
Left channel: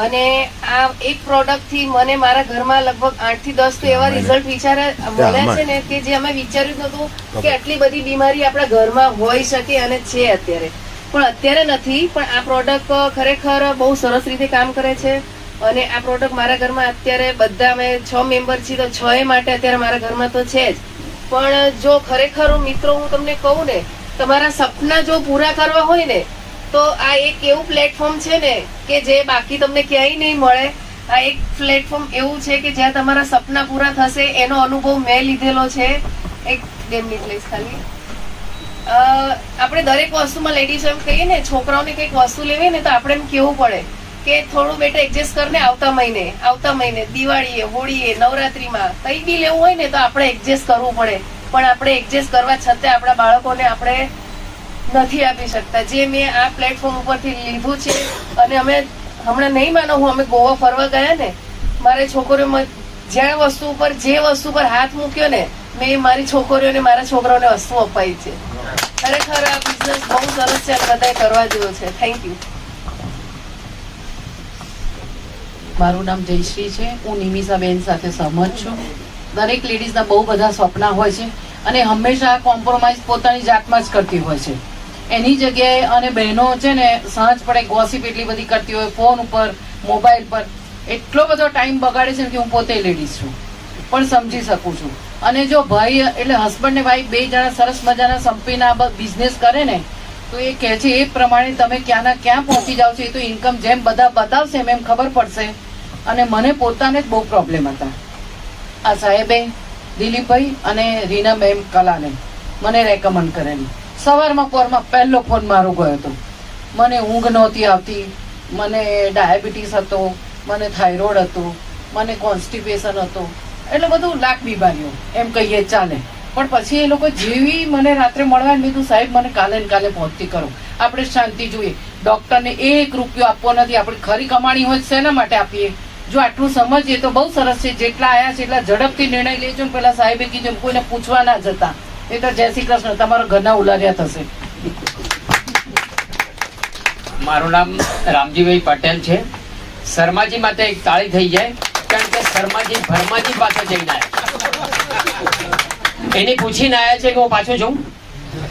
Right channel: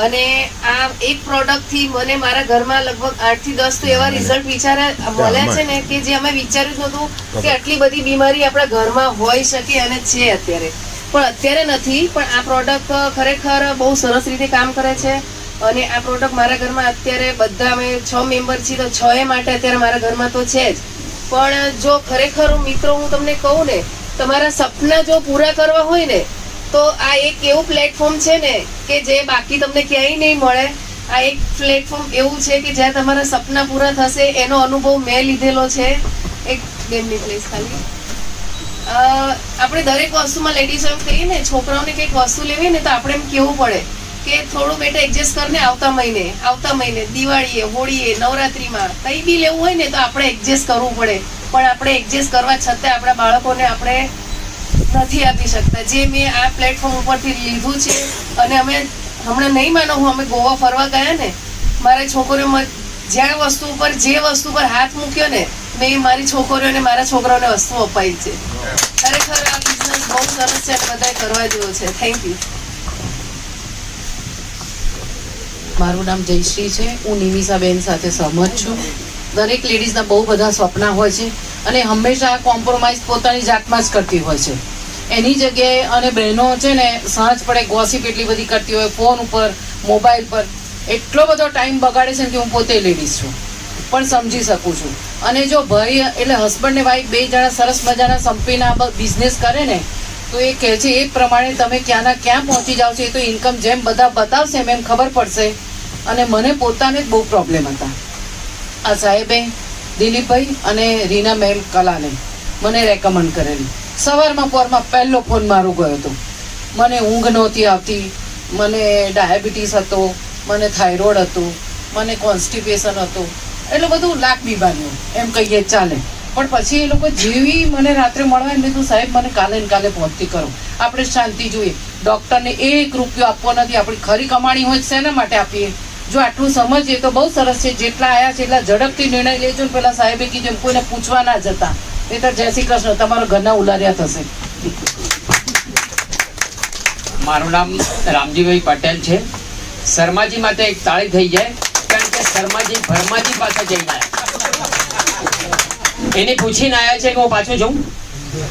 અને આ એક પ્રોડક્ટથી મને મારા ઘરમાં લગભગ 8 થી 10 તો એવા રિઝલ્ટ મળ્યા છે ને કે જે અમે વિચાર્યું જ નહોતું કે આટલી બધી બીમારી આપણા ઘરમાં હોઈ શકે અને છે અત્યારે. પણ અત્યારે નથી, પણ આ પ્રોડક્ટ ખરેખર બહુ સરસ રીતે કામ કરે છે. અને આ પ્રોડક્ટ મારા ઘરમાં અત્યારે બધા અમે 6 મેમ્બર છીએ, તો 6 માટે અત્યારે મારા ઘરમાં તો છે જ. પણ જો ખરેખર મિત્રો હું તમને કહું ને, તમારા સપના જો પૂરા કરવા હોય ને, તો આ એક એવું પ્લેટફોર્મ છે ને કે જે બાકી તમને ક્યાંય નહીં મળે. આ એક પ્લેટફોર્મ એવું છે કે જ્યાં તમારા સપના પૂરા થશે. એનો અનુભવ મેં લીધેલો છે. એક 2 મિનિટ લઈશ ખાલી. આપણે દરેક વસ્તુમાં લેડીઝ એમ કહીએ ને, છોકરાઓને કંઈક વસ્તુ લેવી ને તો આપણે એમ કહેવું પડે કે થોડું બેટા એડજસ્ટ કરને, આવતા મહિને દિવાળીએ, હોળીએ, નવરાત્રીમાં કંઈ બી લેવું હોય ને તો આપણે એડજસ્ટ કરવું પડે. પણ આપણે એડજસ્ટ કરવા છતાં આપણા બાળકોને આપણે નથી આપી શકતા. જે મેં આ પ્લેટફોર્મ ઉપરથી લીધું છે. અને અમે હમણાં નહીં માનો, અમે ગોવા ફરવા ગયા ને, મારી છોકરીઓમાં જે વસ્તુ પર હાથ મૂક્યો ને, મેં મારી છોકરીઓને, મારા છોકરાઓને વસ્તુ અપાઈ છે. ખરેખર આ બિઝનેસ બહુ સરસ છે અને બધાએ કરવા જેવો છે. Thank you. મારું નામ જયશ્રી છે. હું નિમિષાબેન સાથે સહમત છું. દરેક લેડીઝના બહુ બધા સપના હોય છે અને હંમેશા કોમ્પ્રોમાઇઝ પોતાની જાતમાં જ કરતી હોય છે. એની જગ્યાએ અને બહેનો છે ને સાંજ પડે ગોસિપ એટલી બધી કરતી હોય ફોન ઉપર, મોબાઈલ પર, એટલો બધો ટાઈમ બગાડે છે કે હું પોતે લેડીઝ છું પણ સમજી શકું છું. અને જો ભાઈ એટલે હસબન્ડ ને વાઈફ બે જણા સરસ મજાના સંપીને આ બિઝનેસ કરે ને તો એ કહે છે એ પ્રમાણે તમે ક્યાંના ક્યાં પહોંચી જાઓ છો. એ તો ઇન્કમ જેમ બધા બતાવશે એમ ખબર પડશે. અને મને પોતાને જ બહુ પ્રોબ્લેમ હતા. આ સાહેબે દિલીપભાઈ અને રીના મેમ કલાને મને રેકમેન્ડ કરેલી. સવારમાં પોરમાં પહેલો ફોન મારો ગયો હતો. મને ઊંઘ નહોતી આવતી, મને ડાયાબિટીસ હતો, મને થાઇરોઇડ હતું, મને કોન્સ્ટિપેશન હતું, એટલે બધું લાખ બીમારીઓ એમ કહીએ ચાલે. પણ પછી એ લોકો જેવી મને રાત્રે મળવા મેં કીધું સાહેબ મને કાલે ને કાલે પહોંચતી કરો, આપણે શાંતિ જોઈએ. ડૉક્ટરને 1 રૂપિયો આપવો નથી. આપણી ખરી કમાણી હોય શેના માટે આપીએ? જો આટલું સમજીએ તો બહુ સરસ છે. જેટલા આવ્યા છે એટલા ઝડપથી નિર્ણય લેજો. પેલા સાહેબે કીધું કોઈને પૂછવા ના જતા, એ તો જય શ્રી કૃષ્ણ, તમારા ઘરના ઉલાર્યા થશે. મારું નામ રામજીભાઈ પટેલ છે. શર્માજી માટે એક તાળી થઈ જાય, કારણ કે શર્માજી ભરમાજી પાસે જઈને આવ્યા. એને પૂછીને આવ્યા છે કે હું પાછો જાઉં,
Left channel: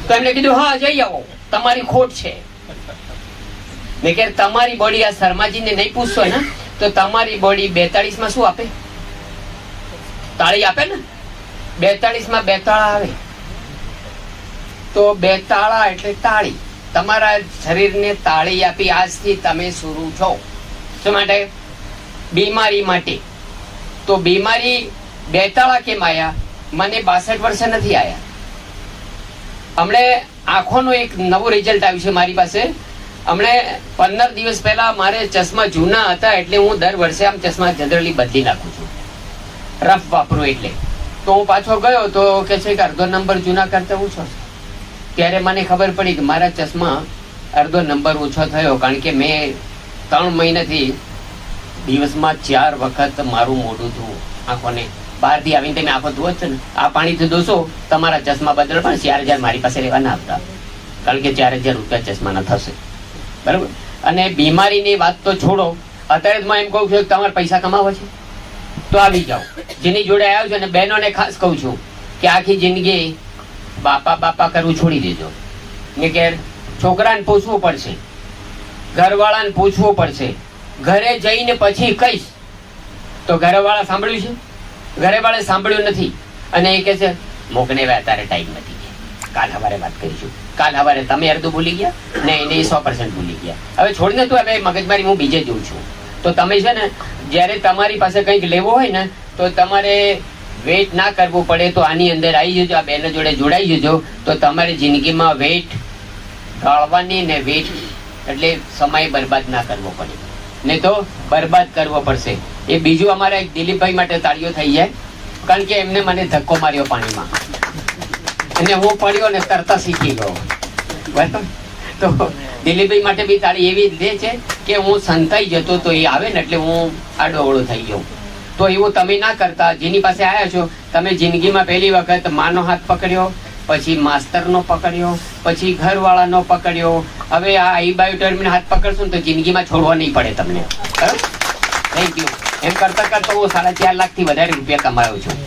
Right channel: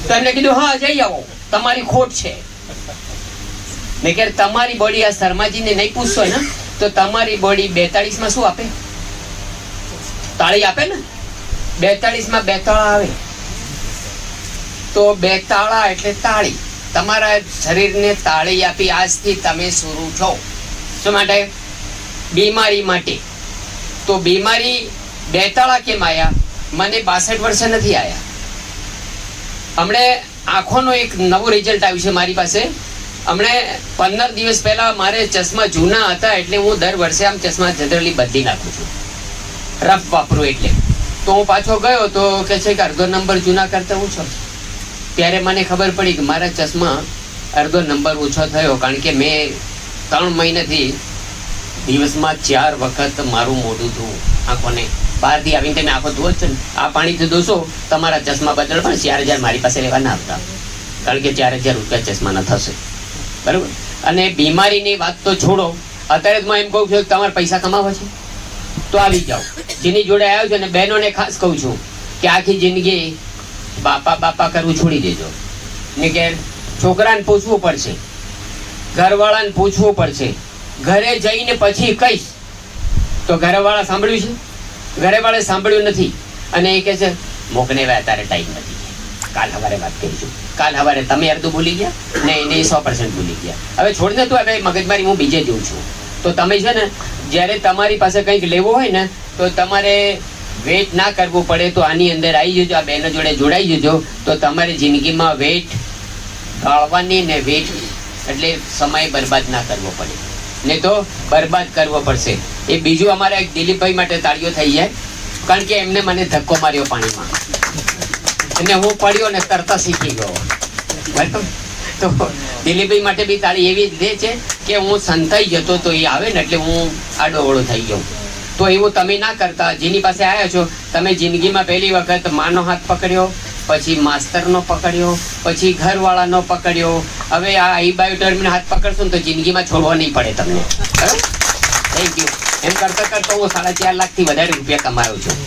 તો એમને કીધું હા જઈ આવો, તમારી ખોટ છે. મેં કે તમારી બોડી આ શર્માજીને નહીં પૂછશો ને તો તમારી બોડી 42 માં શું આપે? તાળી આપે ને. 42 માં 2 તાળા આવે, તો 2 તાળા એટલે તાળી. તમારા શરીરને તાળી આપી આજથી તમે શરૂ છો. શું માટે? બીમારી માટે. તો બીમારી 2 તાળા કેમ આવ્યા? મને 62 વર્ષે નથી આવ્યા. હમણે આંખોનું એક નવું રિઝલ્ટ આવ્યું છે મારી પાસે. હમણે 15 દિવસ પહેલા મારે ચશ્મા જૂના હતા એટલે હું દર વર્ષે આમ ચશ્મા જનરલી બદલી નાખું છું, રફ વાપરું એટલે. તો હું પાછો ગયો તો કે છે કે અડધો નંબર જૂના કરતા ઓછો. ત્યારે મને ખબર પડી કે મારા ચશ્મા અડધો નંબર ઓછો થયો, કારણ કે મેં 3 મહિનાથી દિવસમાં 4 વખત મારું મોઢું ધોવું આંખોને. બહારથી આવીને તમે આંખો ધોવો છો ને, આ પાણીથી ધોશો તમારા ચશ્મા બદલ પણ 4000 મારી પાસે લેવા ના આવતા, કારણ કે 4000 રૂપિયા ચશ્માના થશે. બરાબર. અને બીમારીની વાત તો છોડો, અત્યારે જ હું એમ કહું છું કે તમારે પૈસા કમાવો છે તો આવી જાઓ. જેની જોડે આવ્યો છે અને બહેનોને ખાસ કહું છું કે આખી જિંદગી બાપા કરવું છોડી દેજો. ને કે છોકરાને પૂછવું પડશે, ઘરવાળાને પૂછવું પડશે. ઘરે જઈને પછી કહીશ તો ઘરવાળા સાંભળ્યું છે? ઘરેવાળા સાંભળ્યું નથી. અને એ કહે છે મોકને અત્યારે ટાઈમ નથી, કાલ સવારે વાત કરીશું. કાલ સવારે તમે અડધું ભૂલી ગયા ને એને 100% ભૂલી ગયા. હવે છોડીને તું હવે મગજમારી હું બીજે જોઉં છું. તો તમે છે ને જ્યારે તમારી પાસે કંઈક લેવું હોય ને તો તમારે વેઇટ ના કરવું પડે. તો આની અંદર આવી જજો, આ બહેનો જોડે જોડાઈ જજો, તો તમારી જિંદગીમાં વેઇટ ટાળવાની ને વેઇટ એટલે સમય બરબાદ ના કરવો પડે, નહીં તો બરબાદ કરવો પડશે. એ બીજું અમારા એક દિલીપભાઈ માટે તાળીઓ થઈ જાય, કારણ કે એમને મને ધક્કો માર્યો પાણીમાં અને હું પડ્યો ને તરતા શીખી ગયો. બરાબર. તો દિલીપભાઈ માટે બી તાળી એવી જ દે છે કે હું સંતાઈ જતો તો એ આવે ને એટલે હું આડોવડો થઈ ગયો. તો એવું તમે ના કરતા. જેની પાસે આવ્યા છો તમે જિંદગીમાં પહેલી વખત માનો હાથ પકડ્યો, પછી માસ્તરનો પકડ્યો, પછી ઘરવાળાનો પકડ્યો. હવે આ આઈબાયોટર્મનો હાથ પકડશો ને તો જિંદગીમાં છોડવો નહીં પડે તમને. બરાબર. Thank you. એમ કરતા કરતા હું 4.5 લાખથી વધારે રૂપિયા કમાયો છું.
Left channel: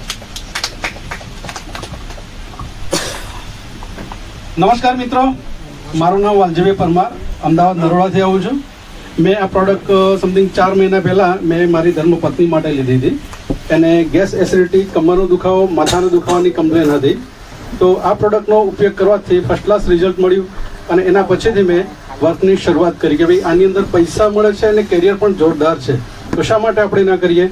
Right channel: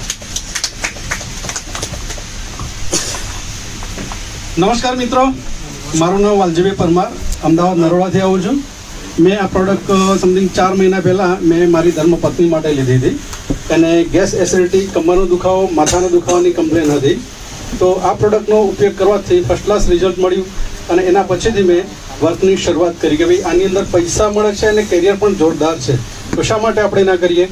નમસ્કાર મિત્રો, મારું નામ વાલજીભાઈ પરમાર, અમદાવાદ નરોડાથી આવું છું. મેં આ પ્રોડક્ટ સમથિંગ 4 મહિના પહેલાં મેં મારી ધર્મપત્ની માટે લીધી હતી. એને ગેસ એસિડિટી, કમરનો દુખાવો, માથાના દુખાવાની કમ્પ્લેન હતી. તો આ પ્રોડક્ટનો ઉપયોગ કરવાથી ફર્સ્ટ ક્લાસ રિઝલ્ટ મળ્યું અને એના પછીથી મેં વર્કની શરૂઆત કરી કે ભાઈ આની અંદર પૈસા મળે છે અને કેરિયર પણ જોરદાર છે, તો શા માટે આપણે ના કરીએ.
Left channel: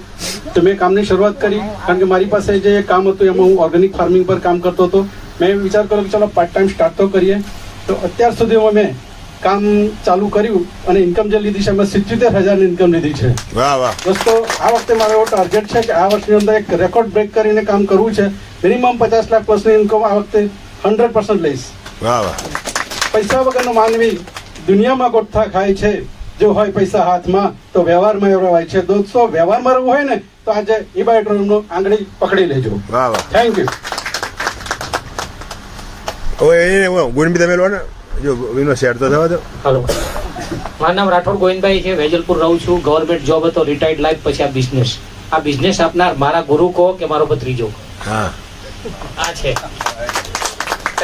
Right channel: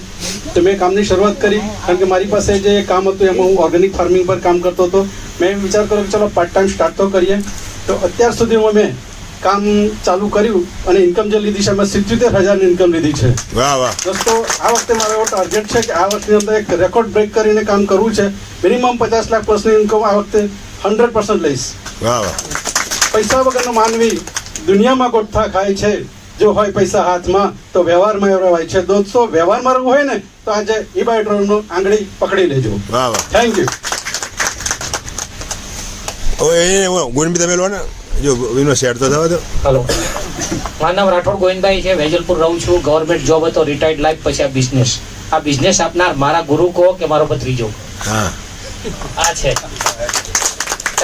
તો મેં કામની શરૂઆત કરી, કારણ કે મારી પાસે જે કામ હતું એમાં હું ઓર્ગેનિક ફાર્મિંગ પર કામ કરતો હતો. મેં વિચાર કર્યો કે ચાલો પાર્ટ ટાઈમ સ્ટાર્ટ તો કરીએ. તો અત્યાર સુધીમાં મેં કામ ચાલુ કર્યું અને ઇન્કમ જે લીધી છે એમાં 77,000 ઇન્કમ લીધી છે. વાહ વાહ. દોસ્તો, આ વખતે મારો એવો ટાર્ગેટ છે કે આ વર્ષની અંદર એક રેકોર્ડ બ્રેક કરીને કામ કરવું છે. મિનિમમ 50 લાખ પર્સનલ ઇન્કમ આ વખતે 100% લઈશ. વાહ વાહ. પૈસા વગરનો માનવી દુનિયામાં ગોઠા ખાય છે. જો હોય પૈસા હાથમાં તો વ્યવહારમાં રહેવાય છે. દોસ્તો, વ્યવહારમાં રહેવું હોય ને તો આજે ઇબાયોટ્રોમનો આંગળી પકડી લેજો. વાહ વાહ. Thank you. હવે એ ગુણ બી તમે લો ને, જો એનો શેર તો થવા દો. હલો, મારું નામ રાઠોડ ગોવિંદભાઈ છે, વેજલપુર રહું છું. ગવર્મેન્ટ જોબ હતો, રિટાયર્ડ લાઈફ, પછી આ બિઝનેસ આપનાર મારા ગુરુ કહો કે મારો ભત્રીજો હા આ છે.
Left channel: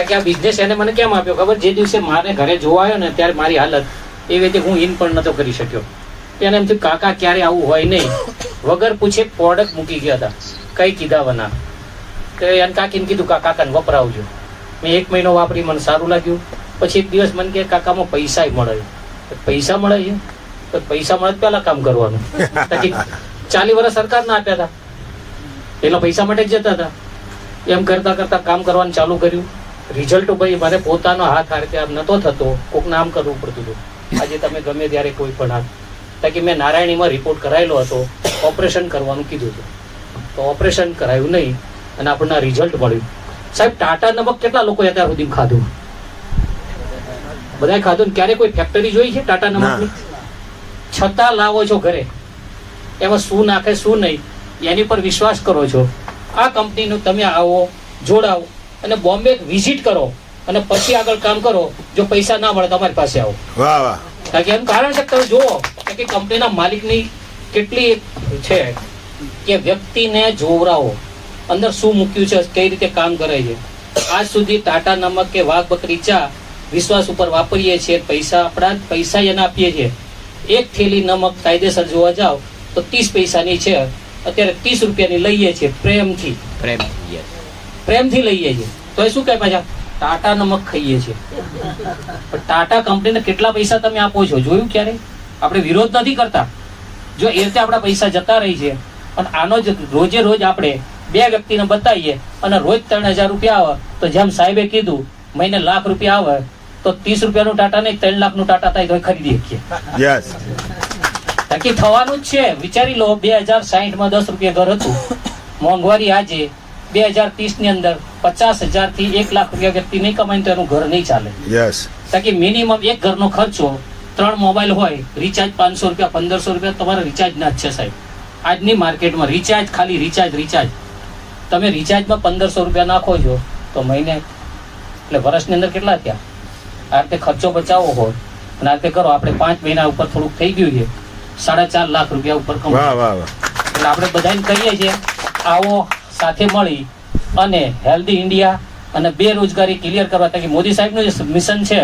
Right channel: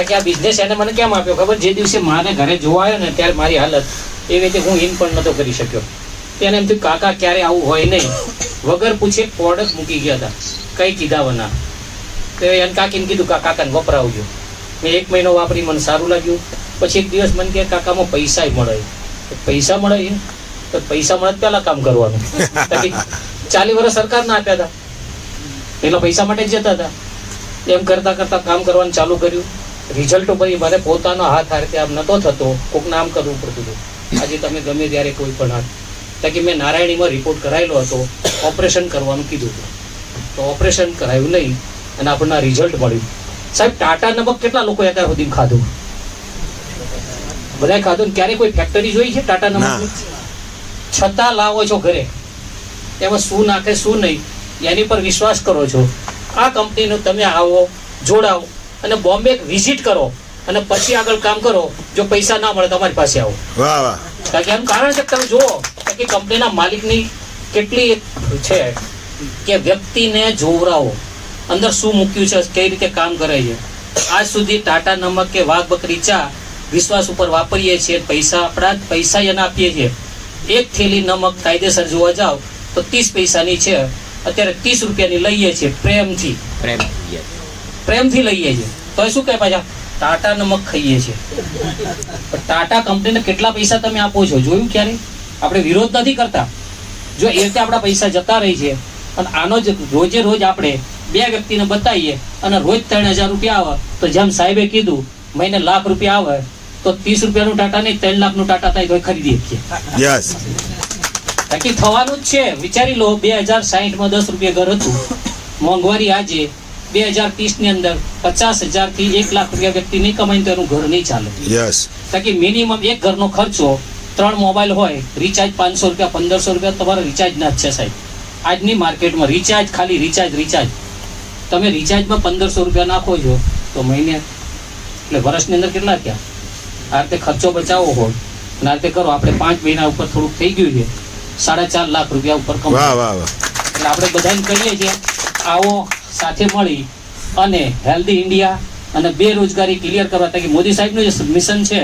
કે આ બિઝનેસ એને મને કેમ આપ્યો ખબર? જે દિવસે મારે ઘરે જોવા આવ્યો ને ત્યારે મારી હાલત એ રીતે હું ઇન પણ નતો કરી શક્યો. એને એમ થયું કાકા ક્યારે આવું હોય નહીં. વગર પૂછે પ્રોડક્ટ મૂકી ગયા હતા, કઈ કીધા વના. તો એને કાકીને કીધું કાકાને વપરાવજો. મેં 1 મહિનો વાપરી, મને સારું લાગ્યું. પછી એક દિવસ મને કહે કાકામાં પૈસા મળે. પૈસા મળે છે તો પૈસા મળે પહેલા કામ કરવાનું. 40 વર્ષ સરકારના આપ્યા હતા, પેલા પૈસા માટે જ જતા હતા. એમ કરતા કરતા કામ કરવાનું ચાલુ કર્યું. રિઝલ્ટ ઉપર મારે પોતાનો હાથ આ રીતે આમ નતો થતો, કોકને આમ કરવું પડતું હતું. આજે તમે ગમે ત્યારે કોઈ પણ હાથ, તાકી મેં નારાયણીમાં રિપોર્ટ કરાયેલો હતો, ઓપરેશન કરવાનું કીધું હતું. તો ઓપરેશન કરાયું નહીં અને આપણને રિઝલ્ટ મળ્યું. સાહેબ, ટાટા નમક કેટલા લોકો અત્યાર સુધી ખાધું? બધાય ખાધું. ક્યારે કોઈ ફેક્ટરી જોઈ છે ટાટા નમકની? છતાં લાવો છો ઘરે. એમાં શું નાખે શું નહીં એની પર વિશ્વાસ કરો છો. આ કંપનીનું તમે આવો, જોડાવો અને બોમ્બે વિઝિટ કરો અને પછી આગળ કામ કરો. જો પૈસા ના મળે તમારી પાસે આવો. વાહ વાહ. એમ કારણ છે કે તમે જુઓ કે કંપનીના માલિકની કેટલી છે કે વ્યક્તિને જોવરાવો, અંદર શું મૂક્યું છે, કઈ રીતે કામ કરે છે. આજ સુધી ટાટા નમક કે વાઘ બકરી ચા વિશ્વાસ ઉપર વાપરીએ છીએ, પૈસા આપણા પૈસા એને આપીએ છીએ. એક થેલી નમક કાયદેસર જોવા જાવ તો 30 પૈસાની છે, અત્યારે 30 રૂપિયાની લઈએ છીએ. પ્રેમથી લઈએ છીએ. તો એ શું કહે પાછા ટાટા નમક ખાઈએ છીએ. ટાટા કંપનીને કેટલા પૈસા તમે આપો છો જોયું ક્યારે? આપણે વિરોધ નથી કરતા. જો એ રીતે આપણા પૈસા જતા રહી છે, પણ આનો જ રોજે રોજ આપણે 2 વ્યક્તિને બતાવીએ અને રોજ 3000 રૂપિયા આવે, તો જેમ સાહેબે કીધું મહિને લાખ રૂપિયા આવે તો 30 રૂપિયાનું ટાટા નહીં 3 લાખનું ટાટા થાય તો ખરીદી શકીએ. યસ, તાકી થવાનું જ છે. વિચારી લો, 2060માં 10 રૂપિયા ઘર હતું. મોંઘવારી આજે 2030 ની અંદર 50,000 થી 1 લાખ રૂપિયા વ્યક્તિ નહીં કમાય તો એનું ઘર નહીં ચાલે. યસ, તાકી મિનિમમ એક ઘરનો ખર્ચો 3 મોબાઈલ હોય, રિચાર્જ 500 રૂપિયા 1500 રૂપિયા તમારે રિચાર્જ ના જ છે સાહેબ. આજની માર્કેટમાં રિચાર્જ, ખાલી રિચાર્જ તમે રિચાર્જમાં 1500 રૂપિયા નાખો છો તો મહિને એટલે વર્ષની અંદર કેટલા થયા? આ રીતે ખર્ચો બચાવવો હોય અને આ રીતે કરો. આપણે 5 મહિના ઉપર થોડુંક થઈ ગયું છે, 4.5 લાખ રૂપિયા ઉપર વાહ વાહ વાહ. એટલે આપણે બધાને કહીએ છીએ આવો સાથે મળી અને હેલ્ધી ઇન્ડિયા અને બેરોજગારી ક્લિયર કરવા. કે મોદી સાહેબનું જે મિશન છે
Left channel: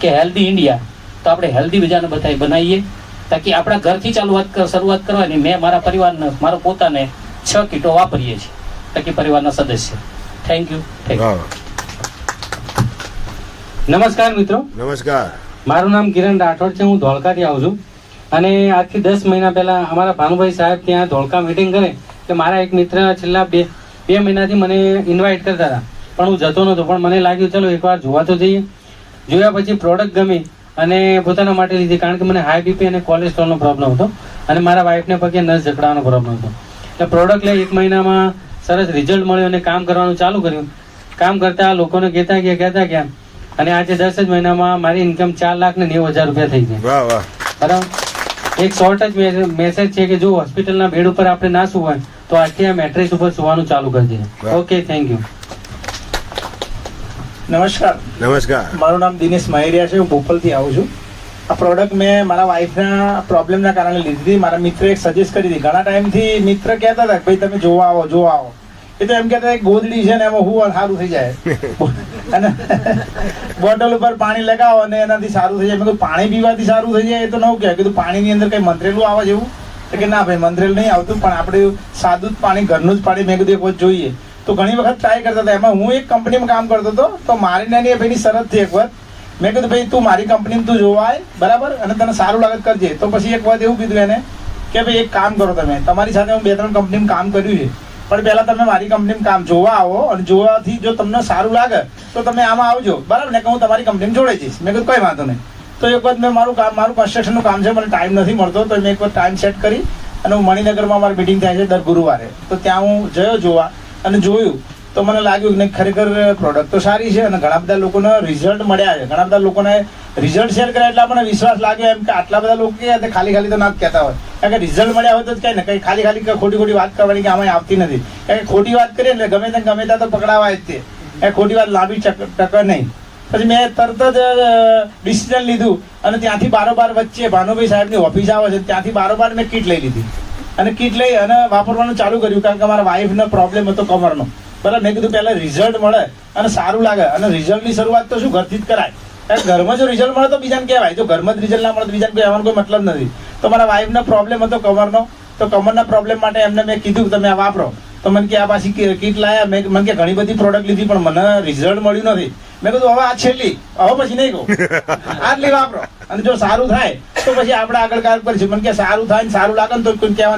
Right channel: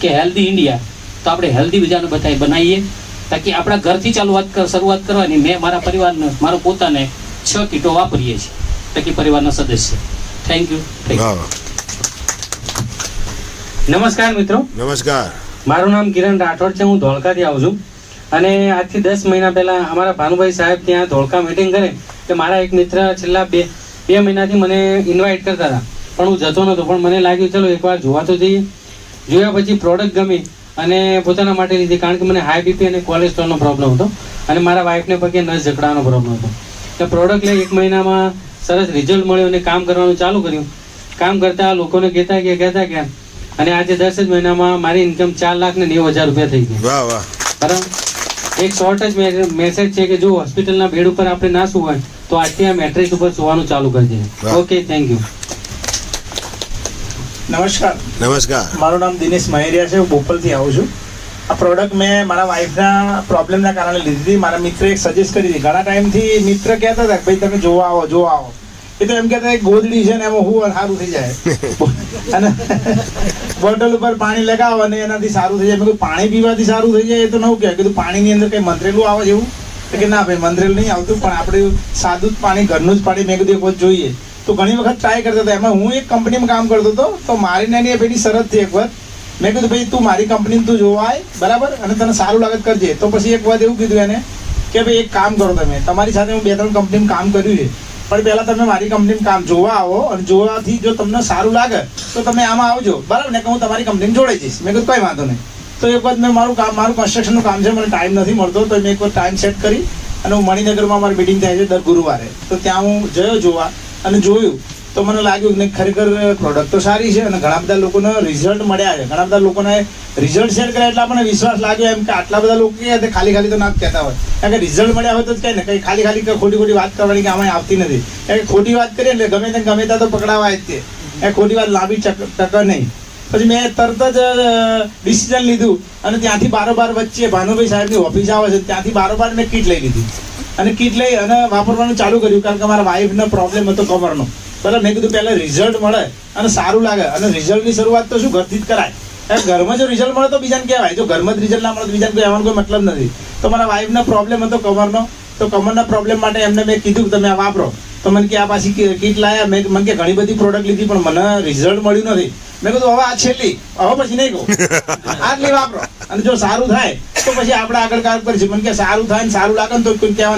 કે હેલ્ધી ઇન્ડિયા, તો આપણે હેલ્ધી બીજાને બનાવીએ. તાકી આપણા ઘરથી શરૂઆત કરવાની. મેં મારા પરિવારને, મારો પોતાને 6 કીટો વાપરીએ છીએ, તાકી પરિવારના સદસ્ય. Thank you. નમસ્કાર મિત્રો. નમસ્કાર. મારું નામ કિરણ રાઠોડ છે, હું ધોળકાથી આવું છું. અને આજથી 10 મહિના પહેલા અમારા ભાનુભાઈ સાહેબ ત્યાં ધોળકા મીટિંગ કરે એટલે મારા એક મિત્ર છેલ્લા બે મહિનાથી મને ઇન્વાઇટ કરતા હતા, પણ હું જતો નહોતો. પણ મને લાગ્યું ચલો એકવાર જોવા તો જઈએ. જોયા પછી પ્રોડક્ટ ગમી અને પોતાના માટે લીધી, કારણ કે મને હાઈ બીપી અને કોલેસ્ટ્રોલનો પ્રોબ્લેમ હતો અને મારા વાઈફને પગે નસ જકડાવાનો પ્રોબ્લેમ હતો. એટલે પ્રોડક્ટ લઈ 1 મહિનામાં સરસ રિઝલ્ટ મળ્યો અને કામ કરવાનું ચાલુ કર્યું. કામ કરતા લોકોને કહેતા ગયા અને આજે 10 જ મહિનામાં મારી ઇન્કમ 4,90,000 રૂપિયા થઈ ગઈ. વાહ વાહ. બરાબર. એક શોર્ટ જ મેસેજ છે કે જો હોસ્પિટલના બેડ ઉપર આપણે ના સુવાય તો આજથી આ મેટ્રેસ ઉપર સુવાનું ચાલુ કરી દઈએ. Okay, thank you. નમસ્કાર. નમસ્કાર. મારું નામ દિનેશ માહેરિયા છે, હું બોપલથી આવું છું. આ પ્રોડક્ટ મેં મારા વાઈફના પ્રોબ્લેમના કારણે લીધી હતી. મારા મિત્રે એક સજેસ્ટ કરી હતી. ઘણા ટાઈમથી મિત્ર કહેતા હતા કે ભાઈ તમે જોવા આવો. એ તો એમ કહેતા ગોદડી છે ને એમાં હું સારું થઈ જાય અને બોટલ ઉપર પાણી લગાવો અને એનાથી સારું થઈ જાય. મેં પાણી પીવાથી સારું થઈ જાય એ તો નવું કહેવાય. કીધું પાણીની અંદર કંઈ મંત્રેલું આવે જેવું? કે ના ભાઈ, મંત્રેલ નહીં આવતું, પણ આપણે સાદું જ પાણી, ઘરનું જ પાણી મેં કીધું એક વખત જોઈએ. તો ઘણી વખત ટ્રાય કરતા હતા. એમાં હું એક કંપનીમાં કામ કરતો હતો, તો મારી નાની ભાઈની શરત થઈ એક વખત. મેં કીધું ભાઈ તું મારી કંપનીમાં તું જોવા આય, બરાબર, અને તને સારું લાગે કરજે. તો પછી એક વખત એવું કીધું એને કે ભાઈ એક કામ કરો, તમે તમારી સાથે હું 2-3 કંપનીમાં કામ કર્યું છે, પણ પહેલાં તમે મારી કંપનીમાં કામ જોવા આવો અને જોવાથી જો તમને સારું લાગે તો તમે આમાં આવજો, બરાબર ને, કે હું તમારી કંપનીમાં જોડાઈ જઈશ. મેં કીધું કંઈ વાંધો નહીં. તો એક વખત મેં મારું કન્સ્ટ્રક્શનનું કામ છે, મને ટાઈમ નથી મળતો, તો મેં એક વખત ટાઈમ સેટ કરી અને હું મણિનગરમાં મારી મિટિંગ થાય છે દર ગુરુવારે, તો ત્યાં હું ગયો જોવા અને જોયું. તો મને લાગ્યું કે ખરેખર પ્રોડક્ટ તો સારી છે અને ઘણા બધા લોકોને રિઝલ્ટ મળ્યા છે. ઘણા બધા લોકોને રિઝલ્ટ શેર કર્યા એટલે આપણને વિશ્વાસ લાગ્યો એમ કે આટલા બધા લોકો કહે ખાલી તો ના કહેતા હોય, કારણ કે રિઝલ્ટ મળ્યા હોય તો જ કહે ને, કંઈ ખાલી ખોટી વાત કરવાની કે આમાં આવતી નથી. કારણ કે ખોટી વાત કરીએ એટલે ગમે ત્યાં તો પકડાવા જ તે. એ ખોટી વાત લાંબી ટકે નહીં. પછી મેં તરત જ ડિસિઝન લીધું અને ત્યાંથી બારોબાર વચ્ચે ભાનુભાઈ સાહેબની ઓફિસ આવે છે ત્યાંથી બારોબાર મેં કીટ લઈ લીધી અને કીટ લઈ અને વાપરવાનું ચાલુ કર્યું કારણ કે મારા વાઈફનો પ્રોબ્લેમ હતો કમરનો. બરાબર, મેં કીધું પહેલાં રિઝલ્ટ મળે અને સારું લાગે અને રિઝલ્ટની શરૂઆત તો શું ઘરથી જ કરાય. ઘરમાં જો રિઝલ્ટ મળે તો બીજાને કહેવાય, જો ઘરમાં જ રિઝલ્ટ ના મળે તો બીજાને કહેવાનો કોઈ મતલબ નથી. તો મારા વાઈફનો પ્રોબ્લેમ હતો કમરનો, તો કમરના પ્રોબ્લેમ માટે એમને મેં કીધું કે તમે આ વાપરો. તો મને કે આ પાછી કીટ લાયા, મેં મને કે ઘણી બધી પ્રોડક્ટ લીધી પણ મને રિઝલ્ટ મળ્યું નથી. મેં કીધું હવે આ છેલ્લી, હવે પછી નહીં કહું, આટલી વાપરો અને જો સારું થાય તો પછી આપણે આગળ કાર કરીશું. મને કે સારું થાય ને સારું લાગે ને તો કોઈ કહેતા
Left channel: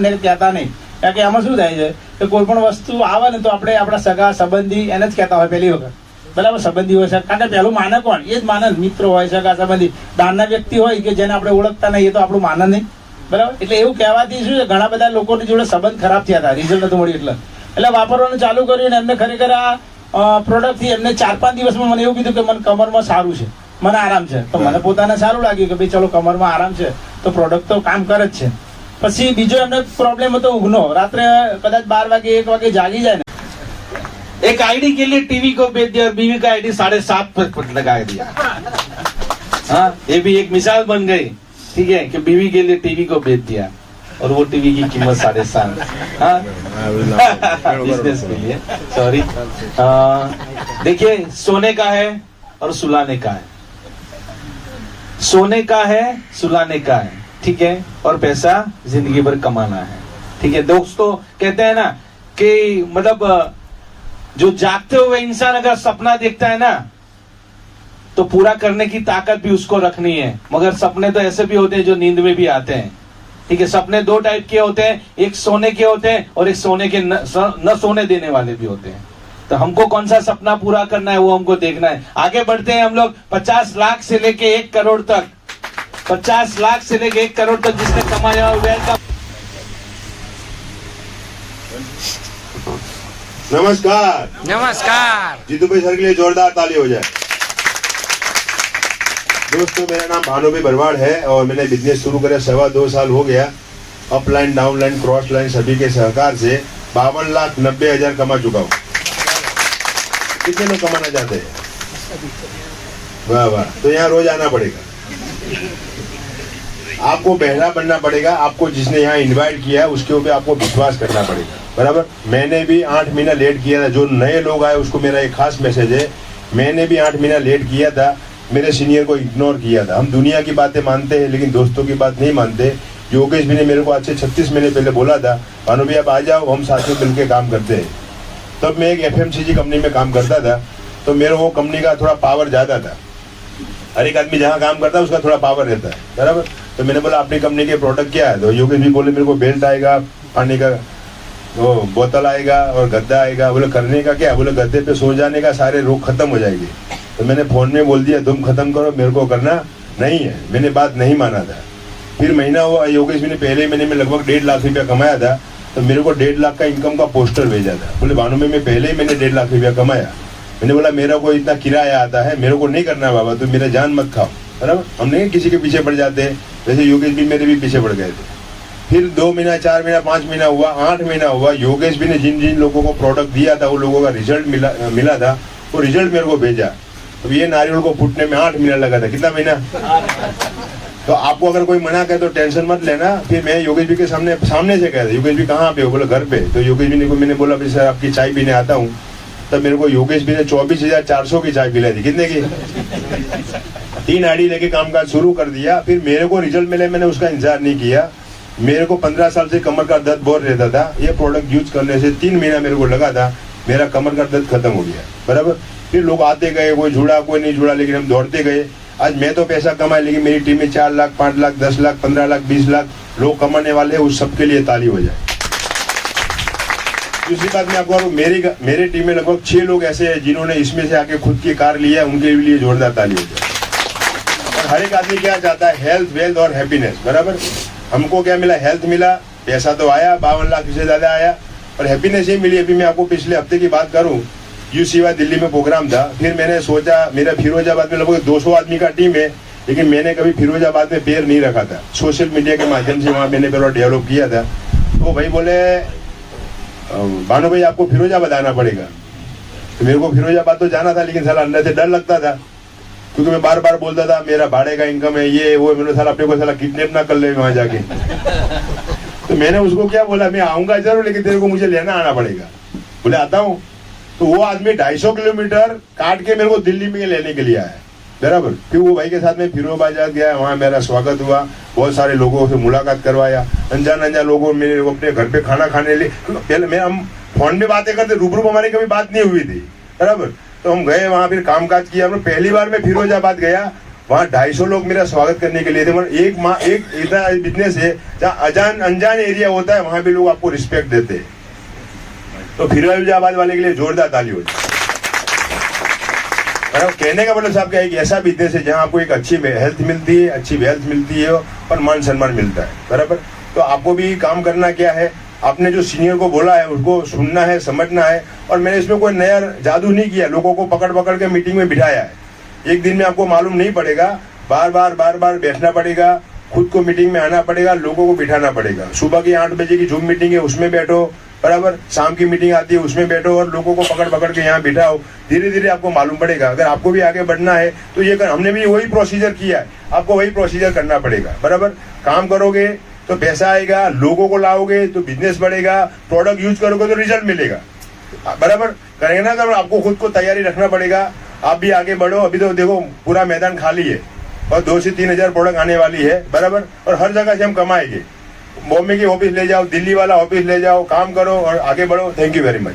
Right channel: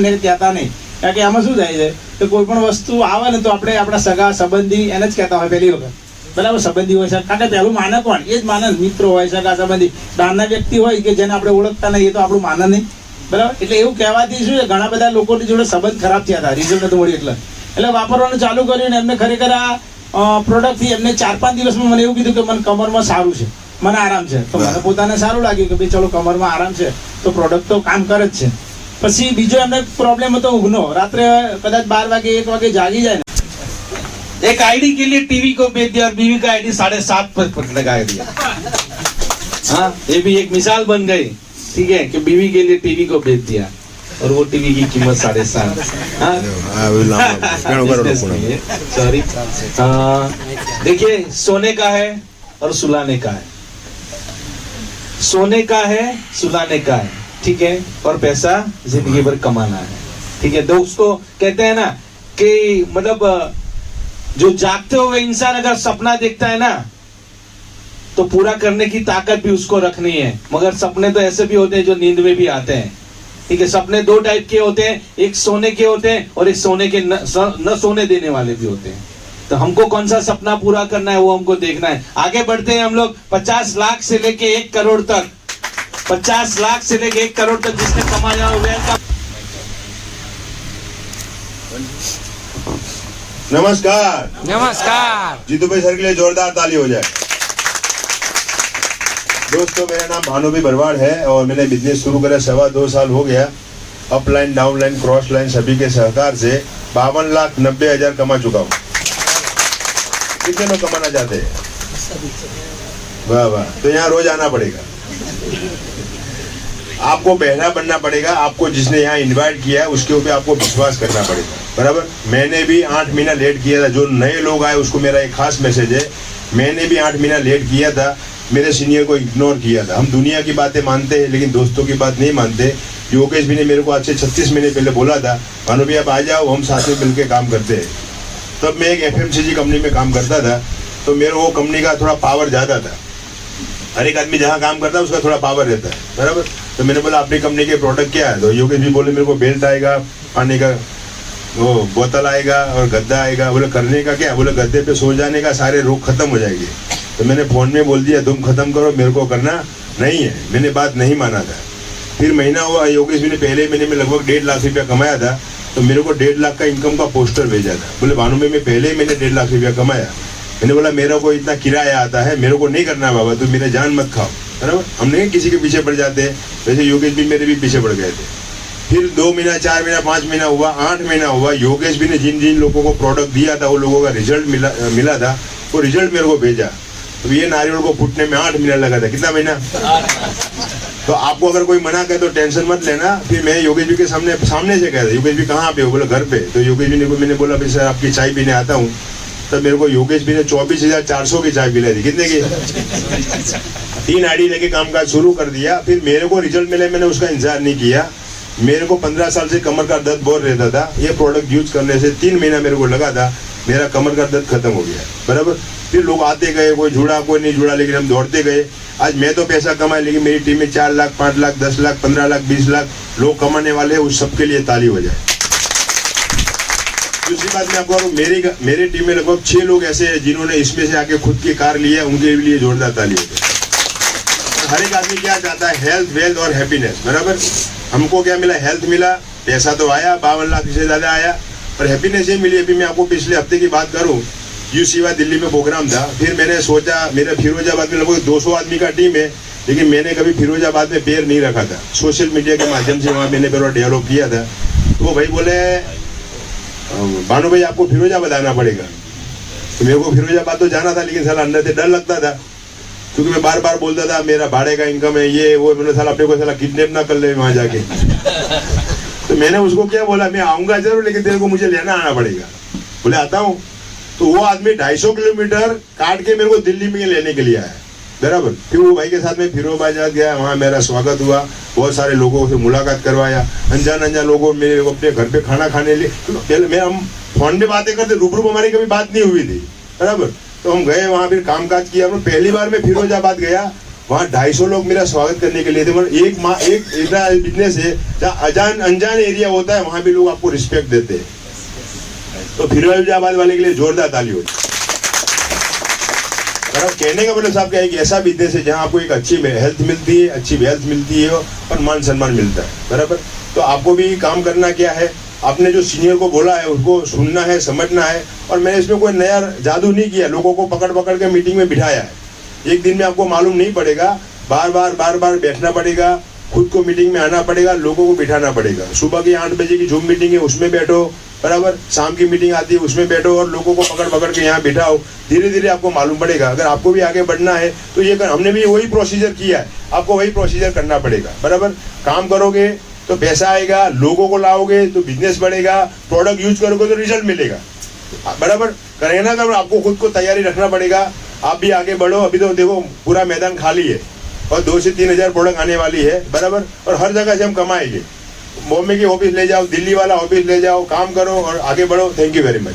નહીં, કારણ કે આમાં શું થાય છે કે કોઈ પણ વસ્તુ આવે ને તો આપણે આપણા સગા સંબંધી એને જ કહેતા હોય પહેલી વખત. બરાબર, સંબંધી હોય છે કારણ કે પહેલું માને કોણ? એ જ માને, મિત્રો હોય, સગા સંબંધી. બહારના વ્યક્તિ હોય કે જેને આપણે ઓળખતા નહીં એ તો આપણું માને નહીં. બરાબર, એટલે એવું કહેવાથી શું છે ઘણા બધા લોકોની જોડે સંબંધ ખરાબ થયા હતા, રિઝલ્ટ નથી મળ્યું એટલે વાપરવાનું ચાલુ કર્યું ને એમને ખરેખર આ પ્રોડક્ટથી એમને 4-5 દિવસમાં મને એવું કીધું કે મને કમરમાં સારું છે, મને આરામ છે. તો મને પોતાને સારું લાગ્યું કે ભાઈ ચલો કમરમાં આરામ છે તો પ્રોડક્ટ તો કામ કરે જ છે. પછી બીજો એમને પ્રોબ્લેમ હતો ઊંઘનો, રાત્રે કદાચ 12 વાગે 1 વાગે જાગી જાય ને. एक आईडी के लिए टीवी को बेच दिया और बीवी का आईडी 7.5 पर लगा दिया. हाँ, ये भी एक मिसाल बन गई. ठीक है कि बीवी के लिए टीवी को बेच दिया और वो टीवी की कीमत 7.5. सॉरी, देखिए सोने का है और सुलाने का है, सोने का है सुलाने का है. ठीक है, और पैसा जिंदगी भर कमाना है. ठीक है दोस्तों, कहते हैं ना कि मतलब जो जागते हुए इंसान अगर सपना देखता है ना तो पूरा करने की ताकत भी उसको रखनी है. मगर सपने तो ऐसे भी होते हैं जो नींद में भी आते हैं. ठीक है, सपने 2 टाइप के होते हैं, एक सोने के होते हैं और एक सोने के न सोने देने वाले भी होते हैं. तो हमको कौन सा सपना पूरा करना है वो हमको देखना है. आगे बढ़ते हैं हम लोग 50 लाख से लेके 1 करोड़ तक. 50 लाख से लेके 1 करोड़ तक जिसने कमाया हुआ. नमस्कार. नमस्कार. जीतूभाई सर के लिए जोरदार ताली हो जाए. दोस्तों, मेरा नाम भानुभाई भरवाड़ है और मैंने बिजनेस शुरू करे 2.25 साल हो गया. अपलाइन, डाउनलाइन, क्रॉस लाइन सभी के सहकार से 52,90,000 कमा चुका हूँ. कितने लोग कमाना चाहते हैं? वाह वाह. तो यहाँ रोज आना पड़ेगा, आपको बहरा बनना पड़ेगा. आपको जिसने यहाँ इनवाइट किया है उसके ऊपर आपको विश्वास करना पड़ेगा. बराबर, मैंने भी 8 महीना लेट किया था. जो नए लोग आए उसको मेरा एक खास मैसेज है, मैंने भी 8 महीना लेट किया था, मेरे सीनियर को इग्नोर किया था. हम दुनिया की बातें मानते हैं लेकिन दोस्तों की बात नहीं मानते. योगेश भी ने मेरे को आज से 36 महीने पहले बोला था, भानु भैया आप आ जाओ, हम साथ में मिलकर काम करते हैं. तब मैं एक FMCG कंपनी में काम करता था, तो मेरे वो कंपनी का थोड़ा पावर ज़्यादा था. हर एक आदमी जहाँ काम करता है उसका थोड़ा पावर रहता है. बराबर, तो मैंने बोला अपनी कंपनी के प्रोडक्ट क्या है? तो योगेश भी बोले मेरे को बेल्ट आएगा, पानी का वो बोतल आएगा और गद्दा आएगा. बोले करने का क्या? बोले गद्दे पे सो जाने का, सारे रोग खत्म हो जाएंगे. तो मैंने फोन में बोल दिया तुम खत्म करो, मेरे को करना नहीं है. मैंने बात नहीं माना था. फिर महीना हुआ, योगेश भी ने पहले महीने में लगभग 1.5 लाख रुपया कमाया था. तो मेरे को 1.5 लाख का इनकम का पोस्टर भेजा था. बोले भानु में मैं पहले मैंने 1.5 लाख रुपया कमाया. मैंने बोला मेरा को इतना किराया आता है, मेरे को नहीं करना बाबा, तो मेरे जान मत खाओ. बराबर, हम नहीं किसी के पीछे पड़ जाते हैं, वैसे योगेश भी मेरे भी पीछे पड़ गए थे. फिर 2 महीना, 4 महीना, 5 महीना हुआ, 8 महीना हुआ. योगेश भी ने जिन जिन लोगों को प्रोडक्ट दिया था वो लोगों का रिजल्ट मिला था. वो रिजल्ट मेरे को भेजा. तो ये नारियल को फूटने में 8 महीना लगा था. कितना महीना? तो आपको अगर कोई मना करे तो टेंशन मत लेना. फिर मैं योगेश जी के सामने से कह रहा, योगेश जी कहाँ पे हो? बोले घर पे. तो योगेश जी को मैंने बोला फिर सर आपकी चाय पीने आता हूँ. तब मेरे को योगेश जी ने 24,400 की चाय पिलाई थी. कितने की? 3 आईडी लेके कामकाज शुरू कर दिया. फिर मेरे को रिजल्ट मिले, मैंने उसका इंतजार नहीं किया. मेरे को 15 साल से कमर का दर्द बहुत रहता था. ये प्रोडक्ट यूज करने से 3 महीना मेरे को लगा था, मेरा कमर का दर्द खत्म हो गया. बराबर, फिर लोग आते गए, कोई जुड़ा कोई नहीं जुड़ा, लेकिन हम दौड़ते गए. आज मैं तो पैसा कमाए, लेकिन मेरी टीम में 4 लाख, 5 लाख, 10 लाख, 15 लाख, 20 लाख लोग कमाने वाले हैं. उस सबके लिए ताली हो जाए. दूसरी बात मैं आपको मेरी टीम में लगभग 6 लोग ऐसे हैं जिन्होंने इसमें से आके खुद की कार लिया, उनके लिए जोरदार ताली हो जाए. हर एक आदमी क्या चाहता है? हेल्थ, वेल्थ और हैप्पीनेस. बराबर, हमको क्या मिला? हेल्थ मिला, पैसा तो आया, 52 लाख से ज्यादा आया, और हैप्पीनेस ये मिली. अभी मैं आपको पिछले हफ्ते की बात करूं, UCY दिल्ली में प्रोग्राम था. फिर मैंने सोचा, मेरा फिरोजाबाद में लगभग 200 आदमी का टीम है, लेकिन मैंने कभी फिरोजाबाद में पैर नहीं रखा था. सोशल मीडिया के माध्यम से वहाँ मैंने पैर डेवलप किया था. तो भाई बोले भानु भाई आपको फिरोजाबाद आना पड़ेगा. तो मेरे को फिरोजाबाद तो जाना था, लेकिन साला अंदर से डर लगता था, क्योंकि मैं बार बार बोलता था मेरा भाड़े का इनकम है, ये वो, मैंने साला अपने को साला किडनैप ना कर ले वहां जाके। तो मैंने उसको क्या बोला, मैं आऊंगा जरूर, लेकिन तेरे को मुझे लेना आना पड़ेगा। बोले आता हूँ। तो वो आदमी 250 किलोमीटर काट के मेरे को दिल्ली में लेने के लिए आया, बराबर। फिर वो भाई के साथ में फिरोजाबाद गया, वहाँ मेरा स्वागत हुआ, बहुत सारे लोगों से मुलाकात करवाया, अनजान लोगों मेरे को अपने घर पे खाना खाने लिए, पहले मैं हम फोन में बातें करते, रूबरू हमारी कभी बात नहीं हुई थी, बराबर। तो हम गए वहाँ, फिर कामकाज किया। हमने पहली बार मैं फिरोजाबाद गया, वहाँ 250 लोग मेरा स्वागत करने के लिए थे। मतलब एक ऐसा बिजनेस है जहाँ अनजान एरिया होता है, वहाँ भी लोग आपको रिस्पेक्ट देते हैं। तो फिरोजाबाद वाले के लिए जोरदार ताली हो। कहने का मतलब साहब क्या है कि ऐसा बिजनेस है जहाँ आपको एक अच्छी हेल्थ मिलती है, अच्छी वेल्थ मिलती है और मान सम्मान मिलता है, बराबर। तो आपको भी काम करना क्या है, आपने जो सीनियर को बोला है उसको सुनना है, समझना है। और मैंने इसमें कोई नया जादू नहीं किया, लोगों को पकड़ पकड़ के मीटिंग में बिठाया है। एक दिन में आपको मालूम नहीं पड़ेगा, बार बार बैठना पड़ेगा, खुद को मीटिंग में आना पड़ेगा, लोगों को बिठाना पड़ेगा। सुबह की 8 बजे की जूम मीटिंग है उसमें बैठो, बराबर। शाम की मीटिंग आती है उसमें बैठो और लोगों को पकड़ पकड़ के यहाँ बिठाओ। धीरे धीरे आपको मालूम पड़ेगा। अगर आपको भी आगे बढ़ना है तो ये हमने भी वही प्रोसीजर किया है, आपको वही प्रोसीजर करना पड़ेगा, बराबर। काम करोगे तो पैसा आएगा, लोगों को लाओगे तो बिजनेस बढ़ेगा, प्रोडक्ट यूज करोगे तो रिजल्ट मिलेगा, बराबर। करेंगे ना, तो आपको खुद को तैयारी रखना पड़ेगा, आप भी आगे बढ़ो। अभी तो देखो पूरा मैदान खाली है और 2 से 3 हजार प्रोडक्ट आने वाली है, बराबर। और हर जगह से हम कमाएंगे। बॉम्बे की ऑफिस ले जाओ, दिल्ली वाला ऑफिस ले जाओ, काम करो और आगे बढ़ो। Thank you very much.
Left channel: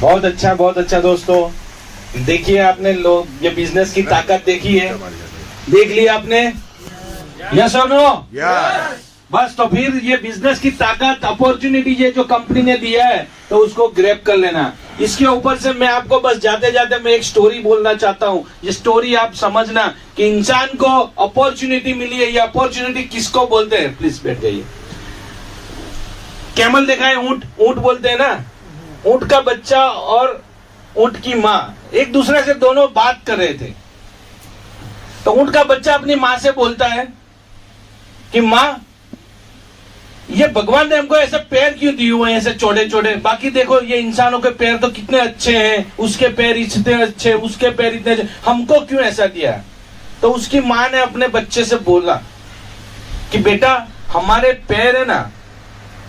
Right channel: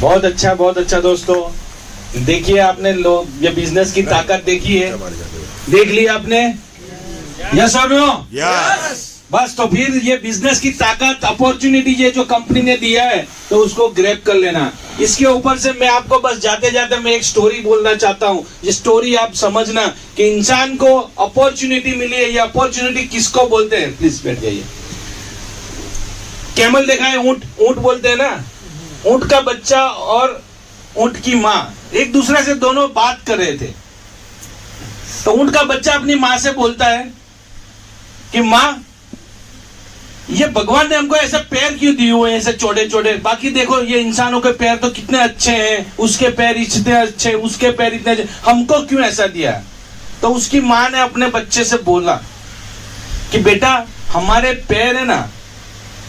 बहुत अच्छा दोस्तों। देखिए आपने लोग ये बिजनेस की ताकत देखी है, देख लिया आपने, यस और नो? यस। बस तो फिर ये बिजनेस की ताकत, अपॉर्चुनिटी ये जो कंपनी ने दिया है तो उसको ग्रैब कर लेना। इसके ऊपर से मैं आपको बस जाते जाते मैं एक स्टोरी बोलना चाहता हूँ। ये स्टोरी आप समझना कि इंसान को अपॉर्चुनिटी मिली है, ये अपॉर्चुनिटी किसको बोलते हैं। प्लीज बैठ जाइए। कैमल देखा है, ऊंट बोलते हैं ना। ऊंट का बच्चा और ऊंट की माँ एक दूसरे से दोनों बात कर रहे थे। तो ऊंट का बच्चा अपनी माँ से बोलता है कि माँ, ये भगवान ने हमको ऐसे पैर क्यों दिए हुए हैं, ऐसे चौड़े चौड़े। बाकी देखो ये इंसानों के पैर तो कितने अच्छे हैं, उसके पैर इतने अच्छे, उसके पैर इतने अच्छे, हमको क्यों ऐसा दिया। तो उसकी माँ ने अपने बच्चे से बोला कि बेटा, हमारे पैर है ना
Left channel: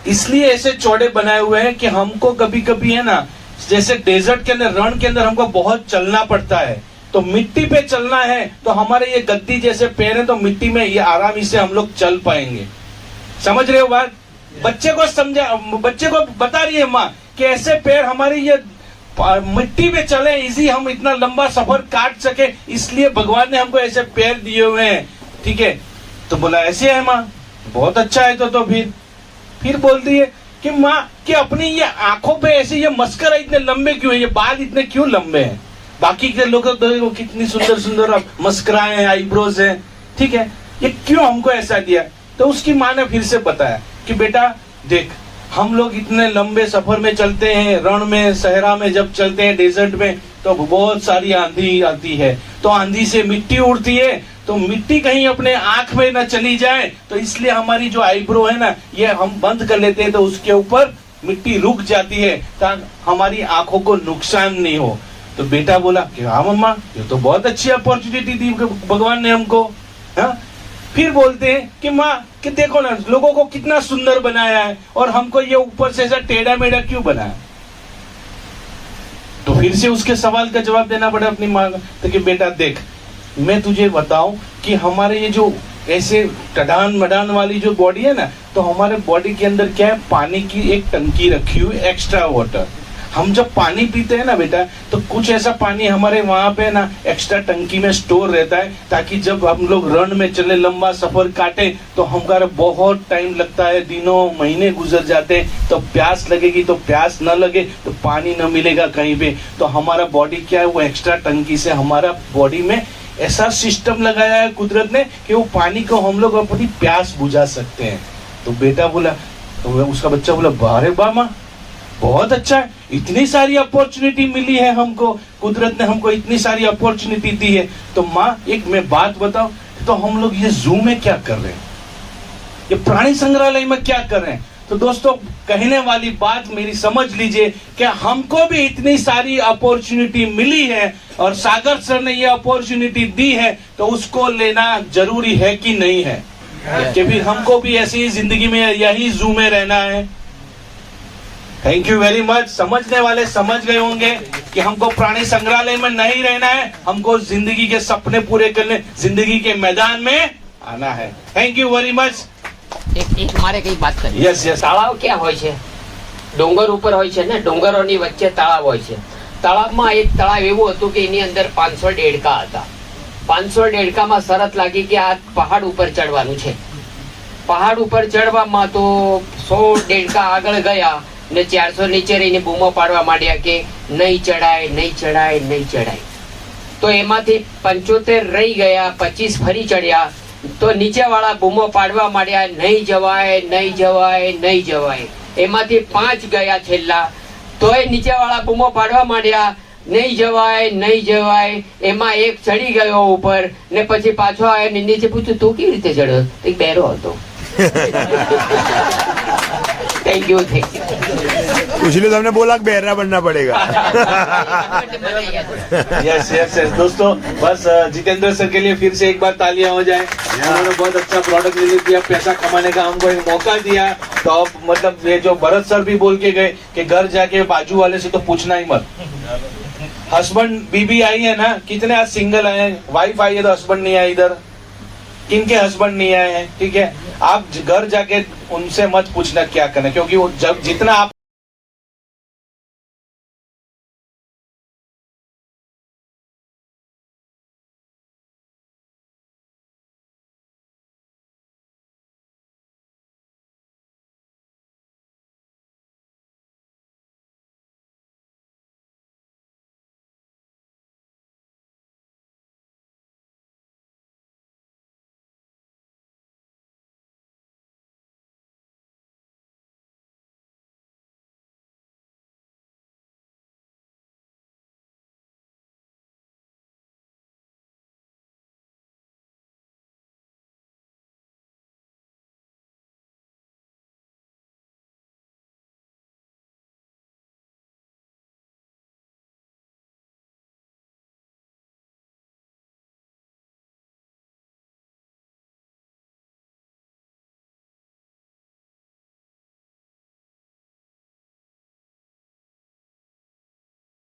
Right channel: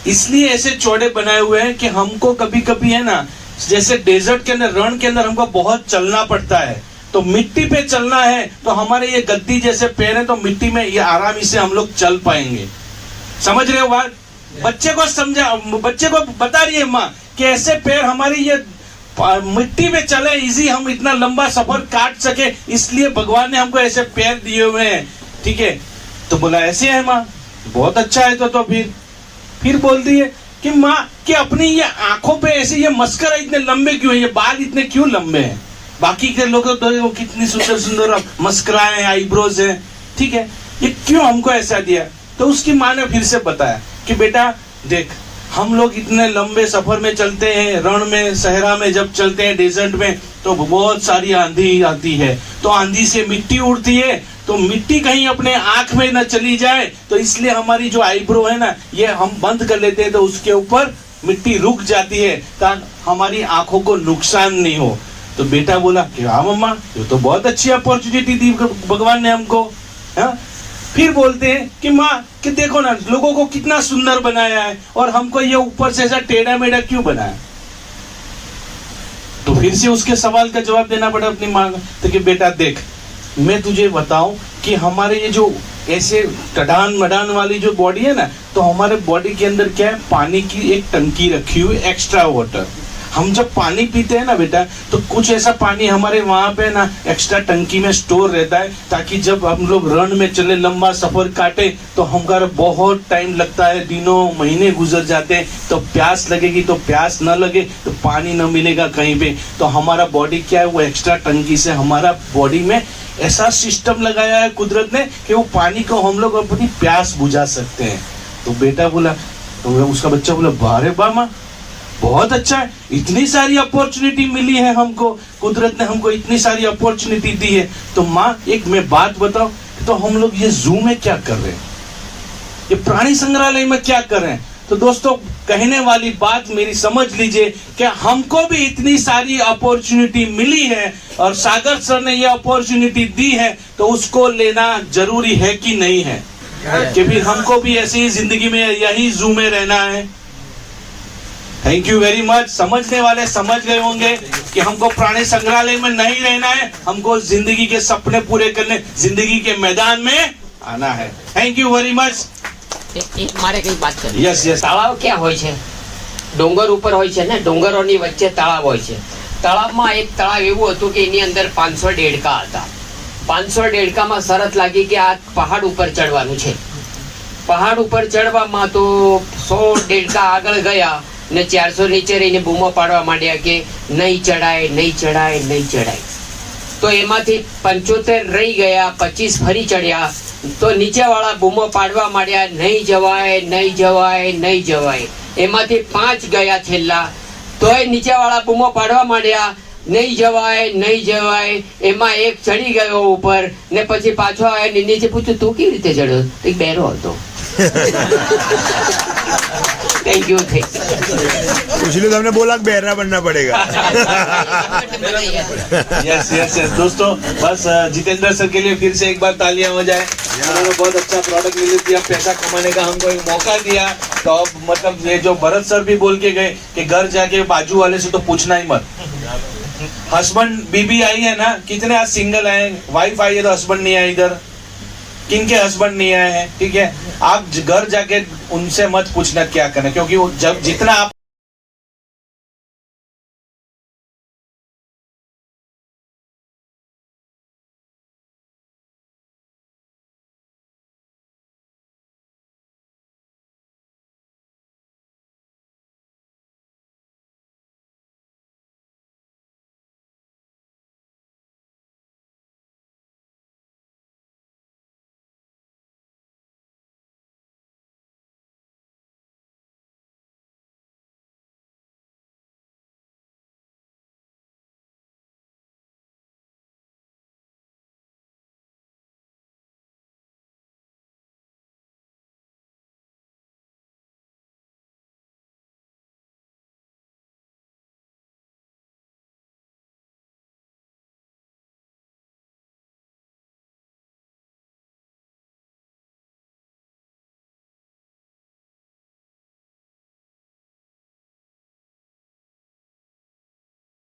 इसलिए ऐसे चौड़े बनाए हुए हैं कि हमको कभी कभी है ना, जैसे डेजर्ट के अंदर, रण के अंदर हमको बहुत चलना पड़ता है, तो मिट्टी पे चलना है, तो हमारे ये गद्दी जैसे पैर है तो मिट्टी में ये आरामी से हम लोग चल पाएंगे। समझ रहे हो बात? बच्चे को समझा, बच्चे को बता रही है माँ कि ऐसे पैर हमारी ये मिट्टी में चले, इजी हम इतना लंबा सफर काट सके, इसलिए भगवान ने हमको ऐसे पैर दिए हुए हैं। ठीक है, तो बोला ऐसे है माँ, बहुत अच्छा है। तो फिर बोलती है कि माँ कि अपनी ये आंखों पे ऐसे ये मस्करा इतने लंबे क्यों है, ये बाल इतने क्यों लंबे हैं। बाकी के लोग तो कितनी सुंदर सुंदर मस्कराएं, आईब्रोज हैं, ठीक है, ये क्यों हमको ऐसा दिया। तो उसकी माँ ने फिर से बताया कि बेटा देख, हम लोग इतने लंबे सफर में चलते हैं, रण में, सहरा में जब चलते हैं, डेजर्ट में, तो बहुत सारी आंधी आती है, तो आंधी से मिट्टी उड़ती है, तो मिट्टी कहीं अपने आंख में न चली जाए, तो इसलिए हमारी जो आईब्रो है ना, ये हम बंद कर लेते हैं, तो उसके ऊपर मिट्टी रुक जाती है ताकि हमारी आंखों को नुकसान नहीं हो। तो बेटा बोला कि हाँ मम्मा, ये तो बहुत अच्छी अपॉर्चुनिटी दी भगवान ने हमको। हाँ? फिर बोलते हैं कि माँ कि देखो ना, लोगों को कितना सुंदर बनाया है और हमको ये ऊपर से ऐसा टेढ़ा मेढ़ा क्यों बनाया। तो फिर से उसके सवाल का जवाब देना पड़ा अपनी माँ को। तो कि बेटा देख, मैं तुझे बताऊं कि हमारे ये जो ऐसे कडान मडान वाली जो बॉडी है ना, तो हमारे बॉडी के अंदर क्या है, पानी की एक टंकी रखी हुई, एक्स्ट्रा वाटर। हम जब पानी पीते हैं ना बेटा, तो कुछ ऐसा पानी हमारे वहां पे ना एक्स्ट्रा टंकी में स्टोर रहता है, ताकि जब हम लोग रण में चले, लंबा सफर काटे, तो हमारा बहुत टाइम लगता है, दिनों महीने गुजर जाते हैं, तो प्यास लगेगी, तो प्यास न लगे तो पानी न मिलेगा कहीं पे, तो हमारा बॉडी क्या है, वो एक्स्ट्रा टंकी से हमारा बॉडी में ऐसा सिस्टम लगाया है कुदरत ने कि वो पानी को हम लोग अपनी प्यास बुझा सकते हैं। तो बेटा बोला, तो उसका बच्चा बोला, बारे बामा बहुत अच्छा है, इतनी सारी अपॉर्चुनिटी मिली है हमको, कुदरत ने हमको इतनी सारी अपॉर्चुनिटी दी है। तो माँ एक मैं बात बताओ, तो हम लोग ये जू में क्या कर रहे हैं, ये प्राणी संग्रहालय में क्या कर रहे हैं। तो दोस्तों कहने वाली बात मेरी समझ लीजिए कि हमको भी इतनी सारी अपॉर्चुनिटी मिली है और सागर सर ने ये अपॉर्चुनिटी दी है, तो उसको लेना जरूरी है कि नहीं है? कि फिर हमको भी ऐसी ही जिंदगी में यही जू में रहना है? Thank you very much. समझने वाले समझ गए होंगे कि हमको प्राणी संग्रहालय में नहीं रहना है, हमको जिंदगी के सपने पूरे करने जिंदगी के मैदान में आना है। Thank you very much. એક મારે કઈ વાત કરી. Yes yes. તળાવ ક્યાં હોય છે? ડોંગર ઉપર હોય છે ને, ડોંગરોની વચ્ચે તળાવ હોય છે. તળાવમાં એક તળાવ એવું હતું કે એની અંદર 500 દેડકા હતા. 500 દેડકામાં શરત લાગી કે આ પહાડ ઉપર ચડવાનું છે. પહાડ ઉપર ચડવામાં તો 100 દેડકા આગળ ગયા ને 400 નીચે રહીને બૂમો પાડવા માંડ્યા કે નહીં ચડાય, નહીં ચડાય, નહીં ચડાય. તો એમાંથી 75 રહી ગયા, 25 ફરી ચડ્યા. તો નીચે વાળા બૂમો પાડવા માંડ્યા, નહીં જવાય, નહીં જવાય, નહીં જવાય. એમાંથી 5 ગયા છેલ્લા, તોય નીચે વાળા બૂમો પાડવા માંડ્યા, નહીં જવાય, નહીં જવાય. એમાં એક ચડી ગયો ઉપર ને પછી પાછો આવ્યો ને નીચે પૂછ્યું તું કેવી રીતે ચડ્યો? તો એક બેરો હતો. थैंक यू इसलिए तो हमने बोला कि बहरा बनना पड़ेगा। Yes yes yes. दोस्तों बस जितेंद्र सर के लिए फिर से एक बार तालियां हो जाए। उन्होंने बहुत अच्छा प्रोडक्ट रिलीज किया, पैसा कमाने का हमको एक मौका दिया। तो अब मतलब ये जो भरत सर भी बोल के गए कि घर जाके बाजू वाले से तो पूछना ही मत। हस्बैंड बीबी आई है ना, कितने आज सिंगल आए? वाइफ आई है तो हस्बैंड नहीं आए इधर, किनके हस्बैंड नहीं आए हैं? ठीक है, आप घर जाके उनसे मत पूछना क्या करना, क्योंकि वो जब जितना आप